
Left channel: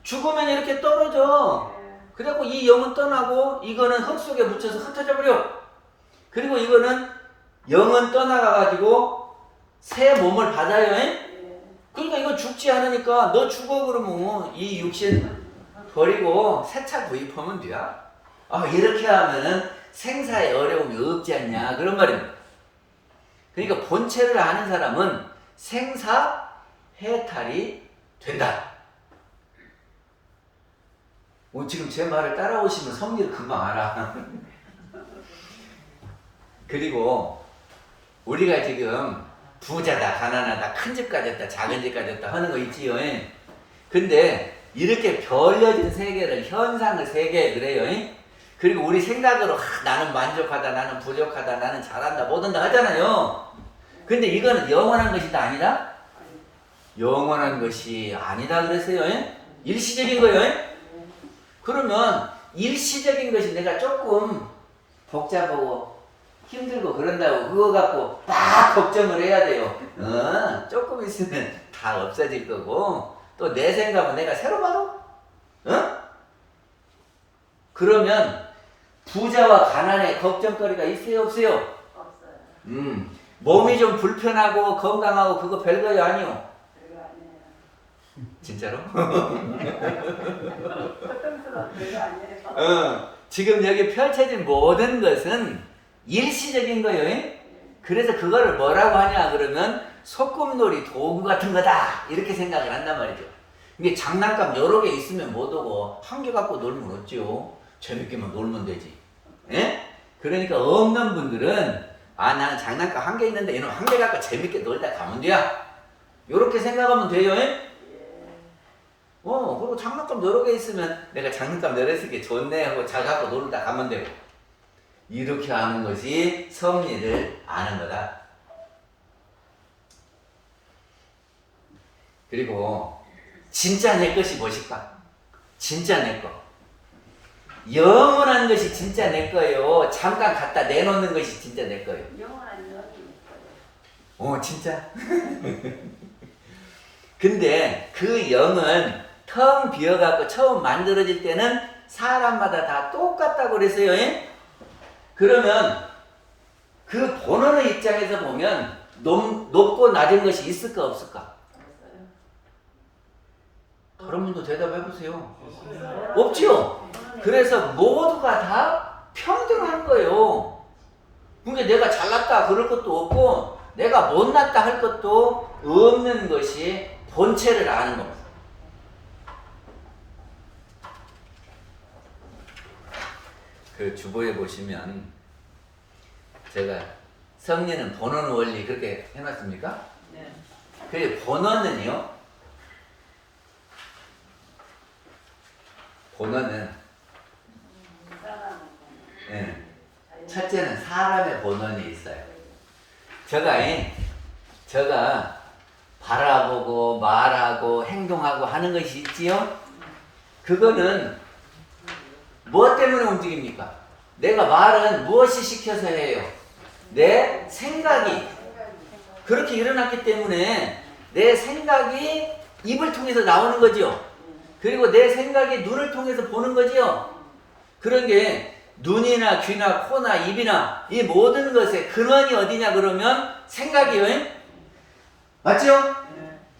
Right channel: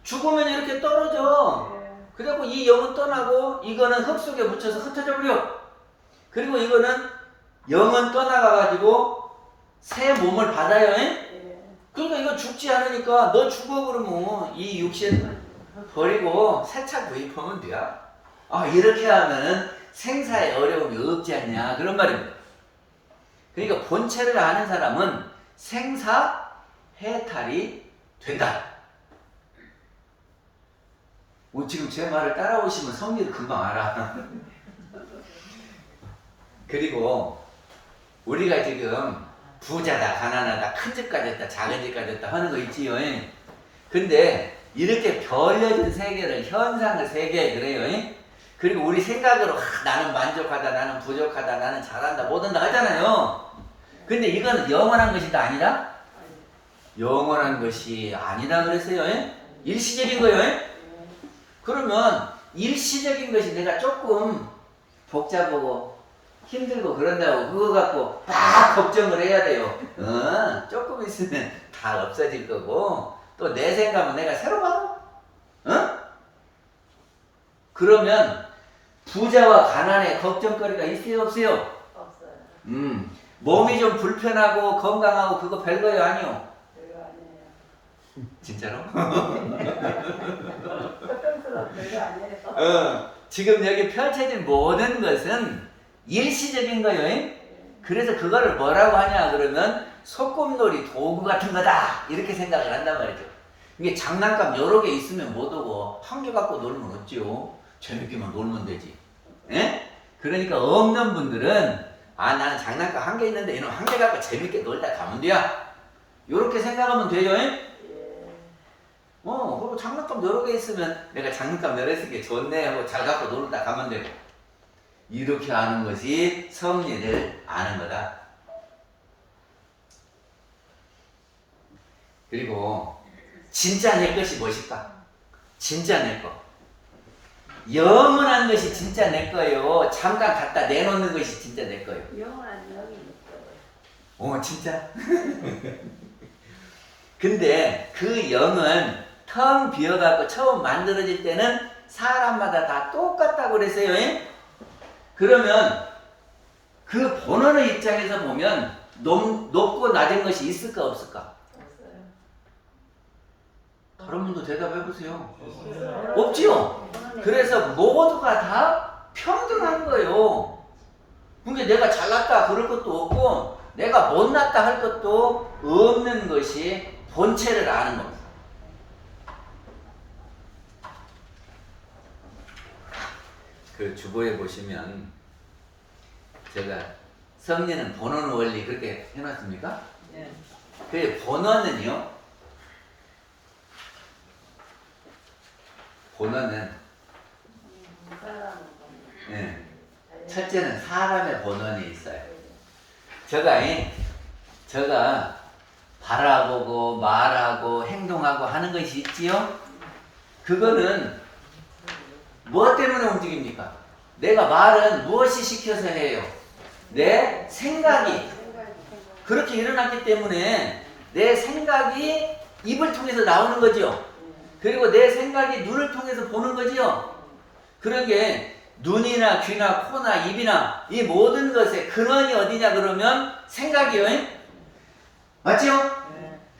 죽으면 이렇게 떨어져. 그래갖고 이 영은 떠나고 이거는 흙 속에 묻혀서 흩어져 버려. 그리고 이거는 영은 떠나가가지고 새 몸을 받아요. 에? 그러니까 이거 죽지 않으니까 너 죽어 그러면 이 육신 버리고 새 차 구입하면 돼. 이렇게 하면은 생사에 어려움이 없지 않냐 그런 말입니다. 그러니까 본체를 아는 사람은 생사 해탈이 된다. 지금 제 말을 따라오시면 성리를 금방 알아. 그리고 우리가 지금 부자다 가난하다 큰 집 가졌다 작은 집 가졌다 하는 거 있지요. 근데 이렇게 벌려진 세계를 현상의 세계 그래요. 그리고 우리 생각으로 나는 만족하다 나는 부족하다 나는 잘한다 못한다 하잖아요. 근데 이거는 영원한 것이다 아니다? 영원한 것이 아니다 그랬어요. 일시적인 거예요. 그러면 일시적인 것이 내가 조금 복잡하고 힘들고 그런다고 그거 갖고 막 걱정을 해야 돼요. 조금 있으면 다 없어질 거고 또 내 생각은 내가 새로 봐도 그러면 부자와 가난에 걱정거리가 있어요 없어요? 없어요. 몸이 좀 불편하고 건강하고 그거 별거예요 아니요? 진짜로? 지금 여기 펼쳐진 모든 것은 일시적인 거예요. 그래서 그거를 뭐라고 하냐 그러면 소꿉놀이 도구 같은 거다 이렇게 생각을 한단 말이죠. 이게 장난감 여러 개 있으면 못 오고 한 개 갖고 놀면 어찌요? 재밌게만 놀면 되지. 그러니까 없는 분들은 나는 장난감 한 개 있는데 이놈 한 개 갖고 재밌게 놀다 가면 돼요. 이렇게 생각하면 돼요. 그리고 장난감 여러 개 있으면 내가 장난감 여러 개 좋네 하고 잘 갖고 놀다 가면 되고 이렇게 하는 것이 성리를 아는 거다. 그리고 진짜 내 것이 무엇일까? 진짜 내 거. 영원한 것이 진짜 내 거예요. 잠깐 갖다 내놓는 것이 진짜 내 거예요. 영원한 영이 내 거예요. 진짜? 근데 그 영은 텅 비어갖고 처음 만들어질 때는 사람마다 다 똑같다고 그랬어요. 그러면 그 본원의 입장에서 보면 높고 낮은 것이 있을까 없을까? 다른 분도 대답해 보세요. 없지요? 그래서 모두가 다 평등한 거예요. 그러니까 내가 잘났다 그럴 것도 없고 내가 못났다 할 것도 없는 것이 본체를 아는 겁니다. 그 주보에 보시면 제가 성리는 본원 원리 그렇게 해놨습니까? 네. 그 본원은 첫째는 사람의 본원이 있어요. 저가 바라보고 말하고 행동하고 하는 것이 있지요. 그거는 무엇 때문에 움직입니까? 내가 말은 무엇이 시켜서 해요? 내 생각이 그렇게 일어났기 때문에 내 생각이 입을 통해서 나오는 거지요. 그리고 내 생각이 눈을 통해서 보는 거지요. 그런 게 눈이나 귀나 코나 입이나 이 모든 것의 근원이 어디냐 그러면 생각이요. 맞죠?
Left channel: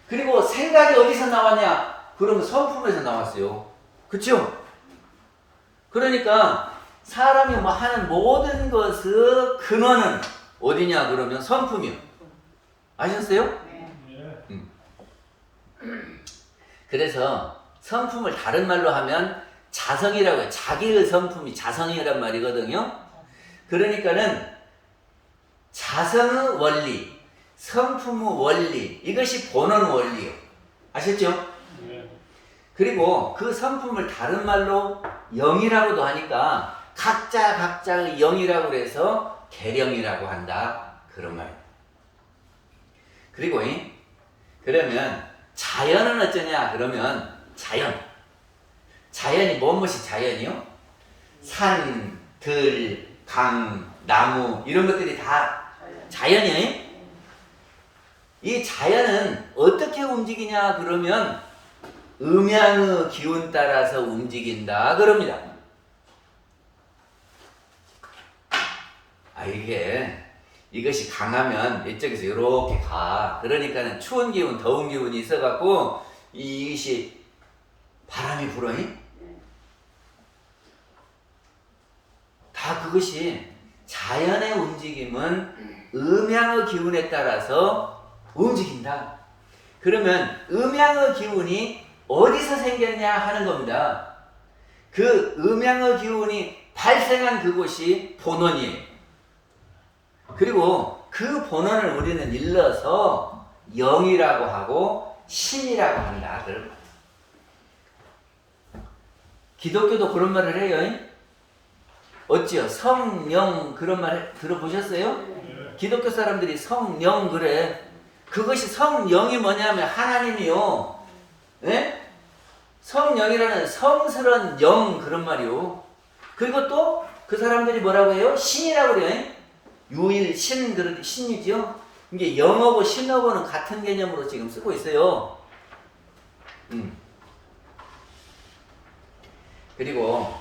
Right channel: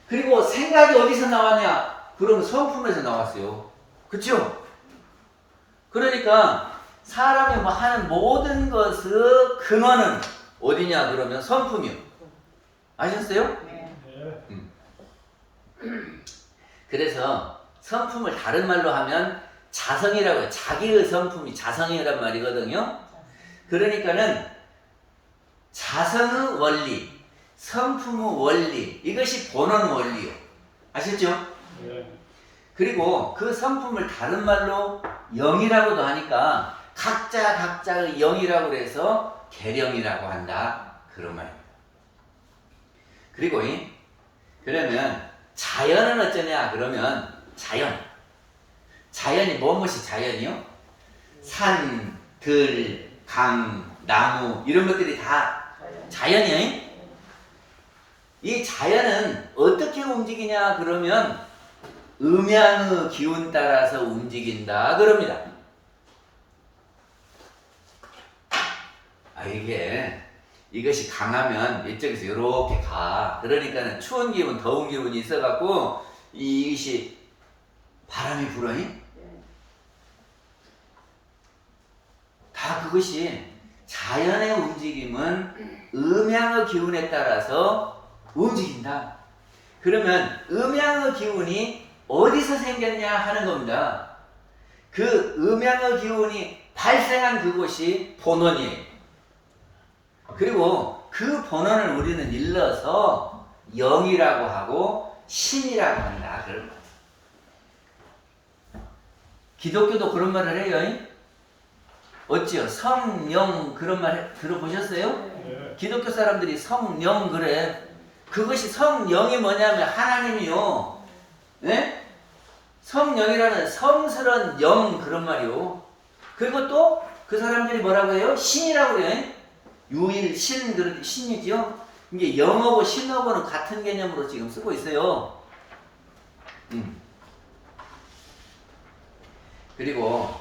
그리고 생각이 어디서 나왔냐? 그러면 성품에서 나왔어요. 그쵸? 그러니까 사람이 뭐 하는 모든 것의 근원은 어디냐 그러면 성품이요. 아셨어요? 그래서 성품을 다른 말로 하면 자성이라고 해요. 자기의 성품이 자성이란 말이거든요. 그러니까는 자성의 원리, 성품의 원리, 이것이 본원 원리요. 아셨죠? 그리고 그 성품을 다른 말로 영이라고도 하니까 각자의 영이라고 해서 계령이라고 한다. 그런 말입니다. 그리고 그러면 자연은 어쩌냐 그러면 자연이 무엇이 자연이요? 산, 들, 강, 나무 이런 것들이 다 자연이에요. 이 자연은 어떻게 움직이냐 그러면 음양의 기운 따라서 움직인다 그럽니다. 이것이 강하면 이쪽에서 이렇게 가. 그러니까는 추운 기운, 더운 기운이 있어갖고 이것이 바람이 불어니? 다 그것이 자연의 움직임은 음양의 기운에 따라서 움직인다. 그러면 음양의 기운이 어디서 생겼냐 하는 겁니다. 그 음양의 기운이 발생한 그곳이 본원이에요. 그리고 그 본원을 우리는 일러서 영이라고 하고 신이라고 한다. 그런 거예요. 기독교도 그런 말을 해요. 어찌요? 성령 그런 말 들어보셨어요? 네. 기독교 사람들이 성령 그래. 그것이 성령이 뭐냐면 하나님이요. 네? 성령이라는 성스러운 영 그런 말이요. 그리고 또 그 사람들이 뭐라고 해요? 신이라고 그래요. 유일, 신, 그런 신이죠. 이게 영하고 신하고는 같은 개념으로 지금 쓰고 있어요. 그리고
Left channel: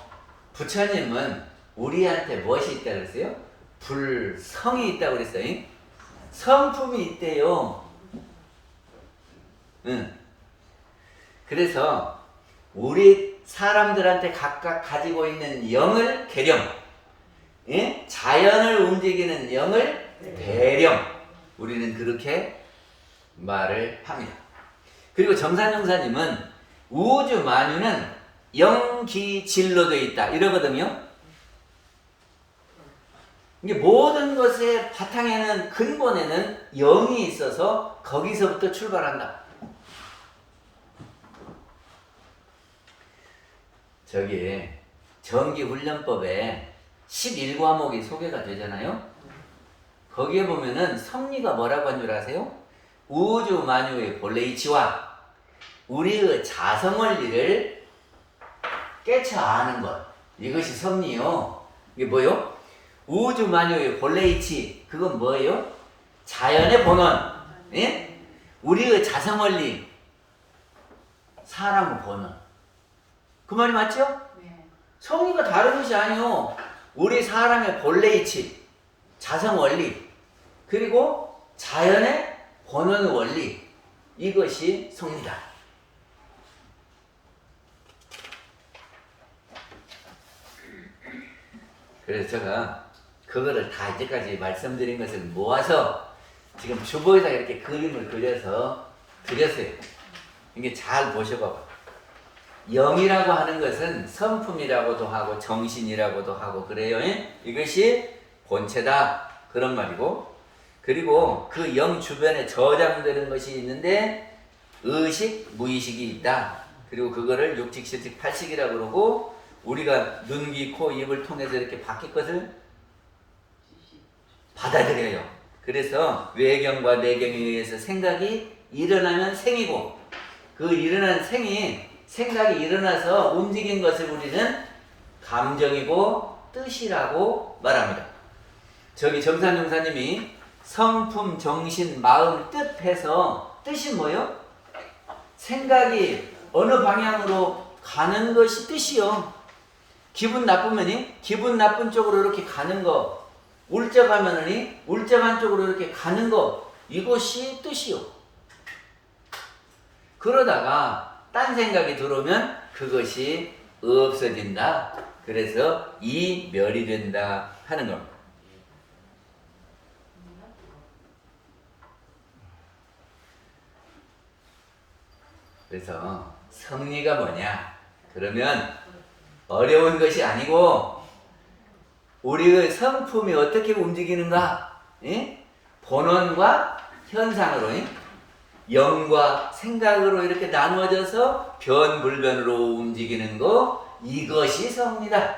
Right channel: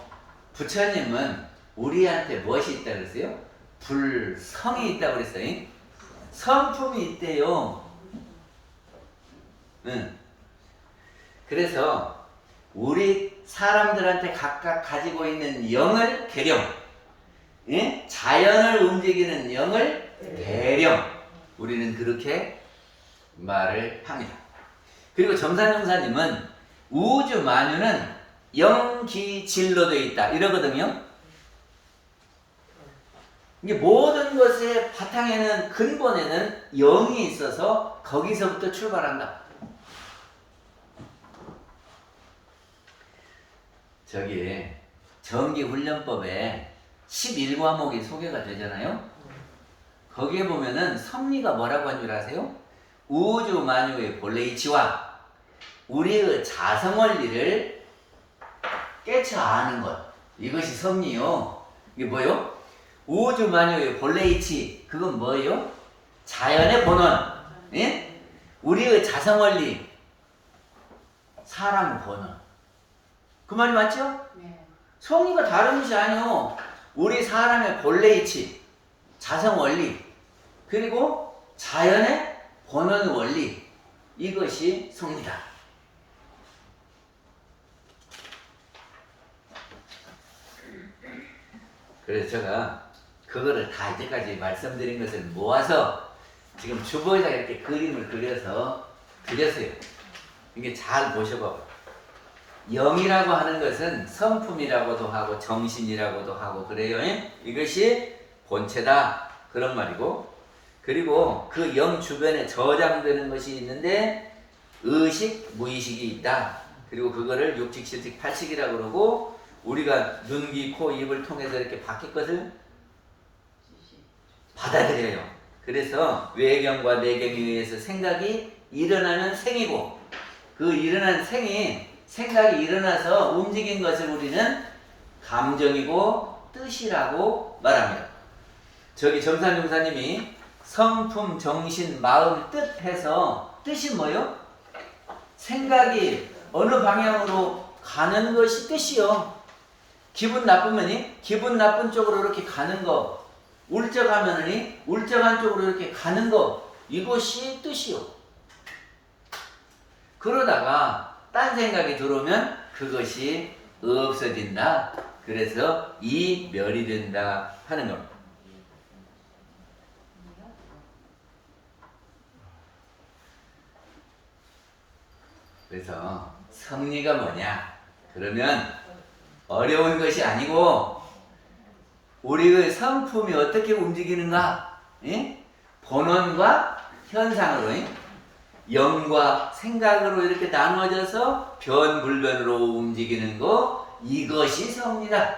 부처님은 우리한테 무엇이 있다고 그랬어요? 불성이 있다고 그랬어요. 성품이 있대요. 그래서 우리 사람들한테 각각 가지고 있는 영을 계령, 자연을 움직이는 영을 대령, 우리는 그렇게 말을 합니다. 그리고 정산용사님은 우주 만유는 영기질로 되어 있다 이러거든요. 이게 모든 것의 바탕에는 근본에는 영이 있어서 거기서부터 출발한다. 정기훈련법에 11과목이 소개가 되잖아요. 거기에 보면은 섭리가 뭐라고 한 줄 아세요? 우주 만유의 본래 이치와 우리의 자성원리를 깨쳐 아는 것, 이것이 섭리요. 이게 뭐요? 우주 만유의 본래 이치, 그건 뭐예요? 자연의 본원, 예? 우리의 자성원리, 사람의 본원. 그 말이 맞죠? 섭리가 다른 것이 아니요. 우리 사람의 본래 이치, 자성원리, 그리고 자연의 본원 원리, 이것이 섭리다. 그래서 제가 그거를 다 이제까지 말씀드린 것을 모아서 지금 주보에다 이렇게 그림을 그려서 드렸어요. 이게 잘 보셔봐봐. 영이라고 하는 것은 성품이라고도 하고 정신이라고도 하고 그래요. 이것이 본체다 그런 말이고, 그리고 그 영 주변에 저장되는 것이 있는데 의식, 무의식이 있다. 그리고 그거를 육식, 실식, 팔식이라고 그러고, 우리가 눈, 귀, 코, 입을 통해서 이렇게 바뀔 것을 받아들여요. 그래서 외경과 내경에 의해서 생각이 일어나면 생이고, 그 일어난 생각이 일어나서 움직인 것을 우리는 감정이고 뜻이라고 말합니다. 저기 정산용사님이 성품, 정신, 마음, 뜻 해서 뜻이 뭐요? 생각이 어느 방향으로 가는 것이 뜻이요. 기분 나쁘면이 기분 나쁜 쪽으로 이렇게 가는 거, 울적하면은 울적한 쪽으로 이렇게 가는 거, 이것이 뜻이요. 그러다가 딴 생각이 들어오면 그것이 없어진다. 그래서 이멸이 된다 하는 겁니다. 그래서 성리가 뭐냐? 그러면 어려운 것이 아니고 우리의 성품이 어떻게 움직이는가? 본원과 현상으로, 영과 생각으로 이렇게 나누어져서 변불변으로 움직이는 거, 이것이 성리다.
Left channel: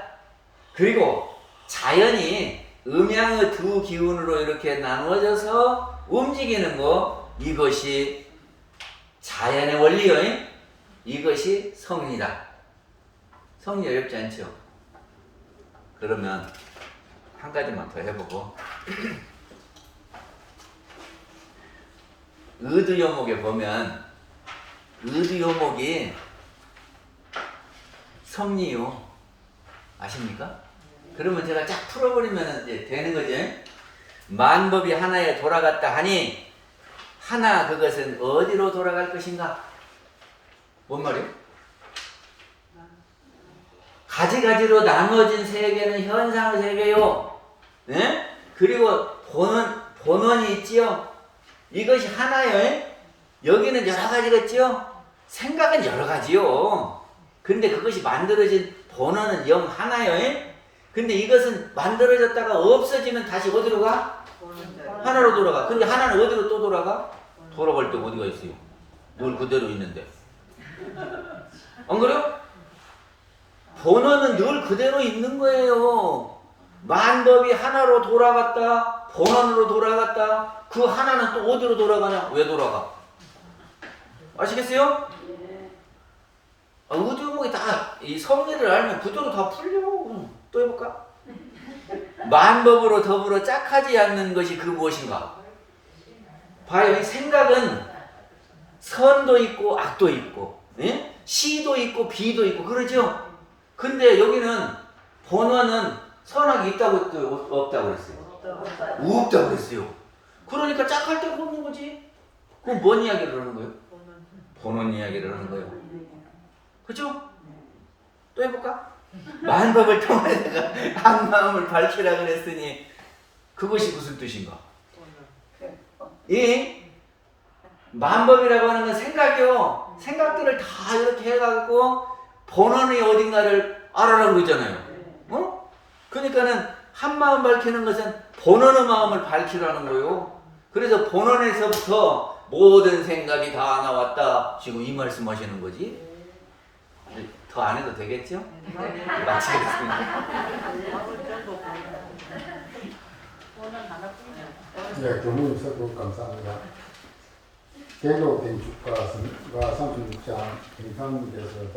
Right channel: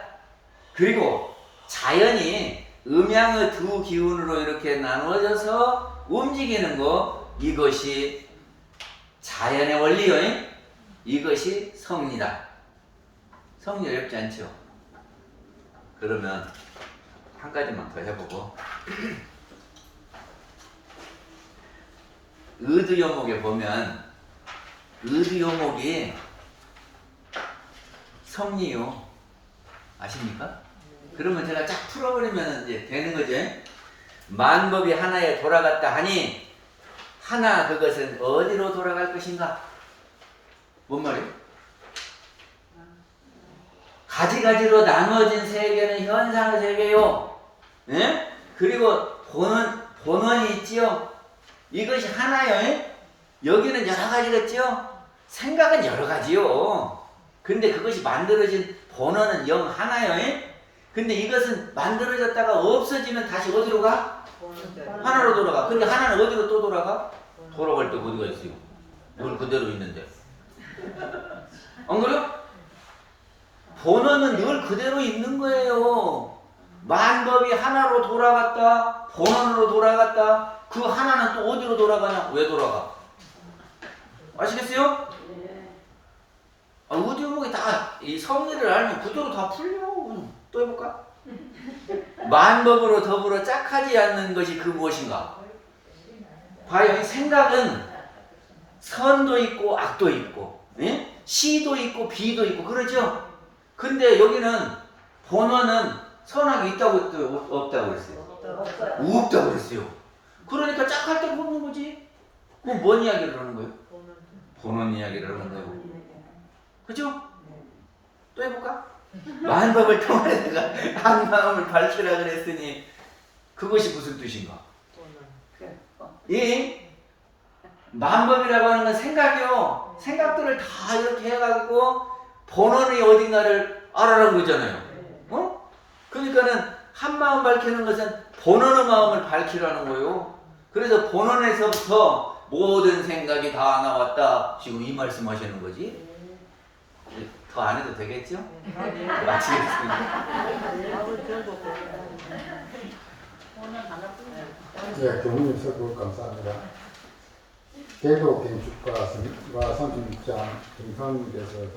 그리고 자연이 음양의 두 기운으로 이렇게 나누어져서 움직이는 거, 이것이 자연의 원리요. 이것이 성리다. 성리 어렵지 않죠? 그러면 한 가지만 더 해보고 의두요목에 보면 의두요목이 성리요. 아십니까? 그러면 제가 쫙 풀어버리면 이제 되는 거죠. 만법이 하나에 돌아갔다 하니 하나 그것은 어디로 돌아갈 것인가? 뭔 말이요? 가지가지로 나누어진 세계는 현상 세계요. 그리고 본원이 있지요. 이것이 하나요. 여기는 여러 가지겠지요. 생각은 여러 가지요. 근데 그것이 만들어진 본원은 영 하나요. 근데 이것은 만들어졌다가 없어지면 다시 어디로 가? 하나로 돌아가. 근데 하나는 어디로 또 돌아가? 돌아갈 때 어디가 있어요? 늘 그대로 있는데. 안 그래요? 본원은 늘 그대로 있는 거예요. 만법이 하나로 돌아갔다, 본원으로 돌아갔다. 그 하나는 또 어디로 돌아가냐? 왜 돌아가? 아시겠어요? 의두요목이 다 이 성리를 알면 그대로 다 풀려. 또 해볼까? 만법으로 더불어 짝하지 않는 것이 그 무엇인가? 봐요. 이 생각은 선도 있고 악도 있고, 시도 있고 비도 있고 그러죠? 근데 여기는 본원은 선악이 있다고 했어요? 없다고 그랬어요? 없다고 그랬어요. 그러니까 짝할 때 없는 거지. 그럼 뭔 이야기를 하는 거예요? 본원 이야기를 하는 거예요. 그죠? 또 해볼까? 만법을 통해다가 한 마음을 밝히라 그랬으니 그것이 무슨 뜻인가? 이 만법이라고 하는 건 생각이요. 생각들을 다 이렇게 해가지고 본원이 어딘가를 알아라고 그러잖아요. 그러니까는 한 마음 밝히는 것은 본원의 마음을 밝히라는 거예요. 그래서 본원에서부터 모든 생각이 다 나왔다. 지금 이 말씀 하시는 거지. 더 안 해도 되겠죠? 마치겠습니다. 네, 교수님 설교 감사합니다. 대도 건축가 36장 김선님께서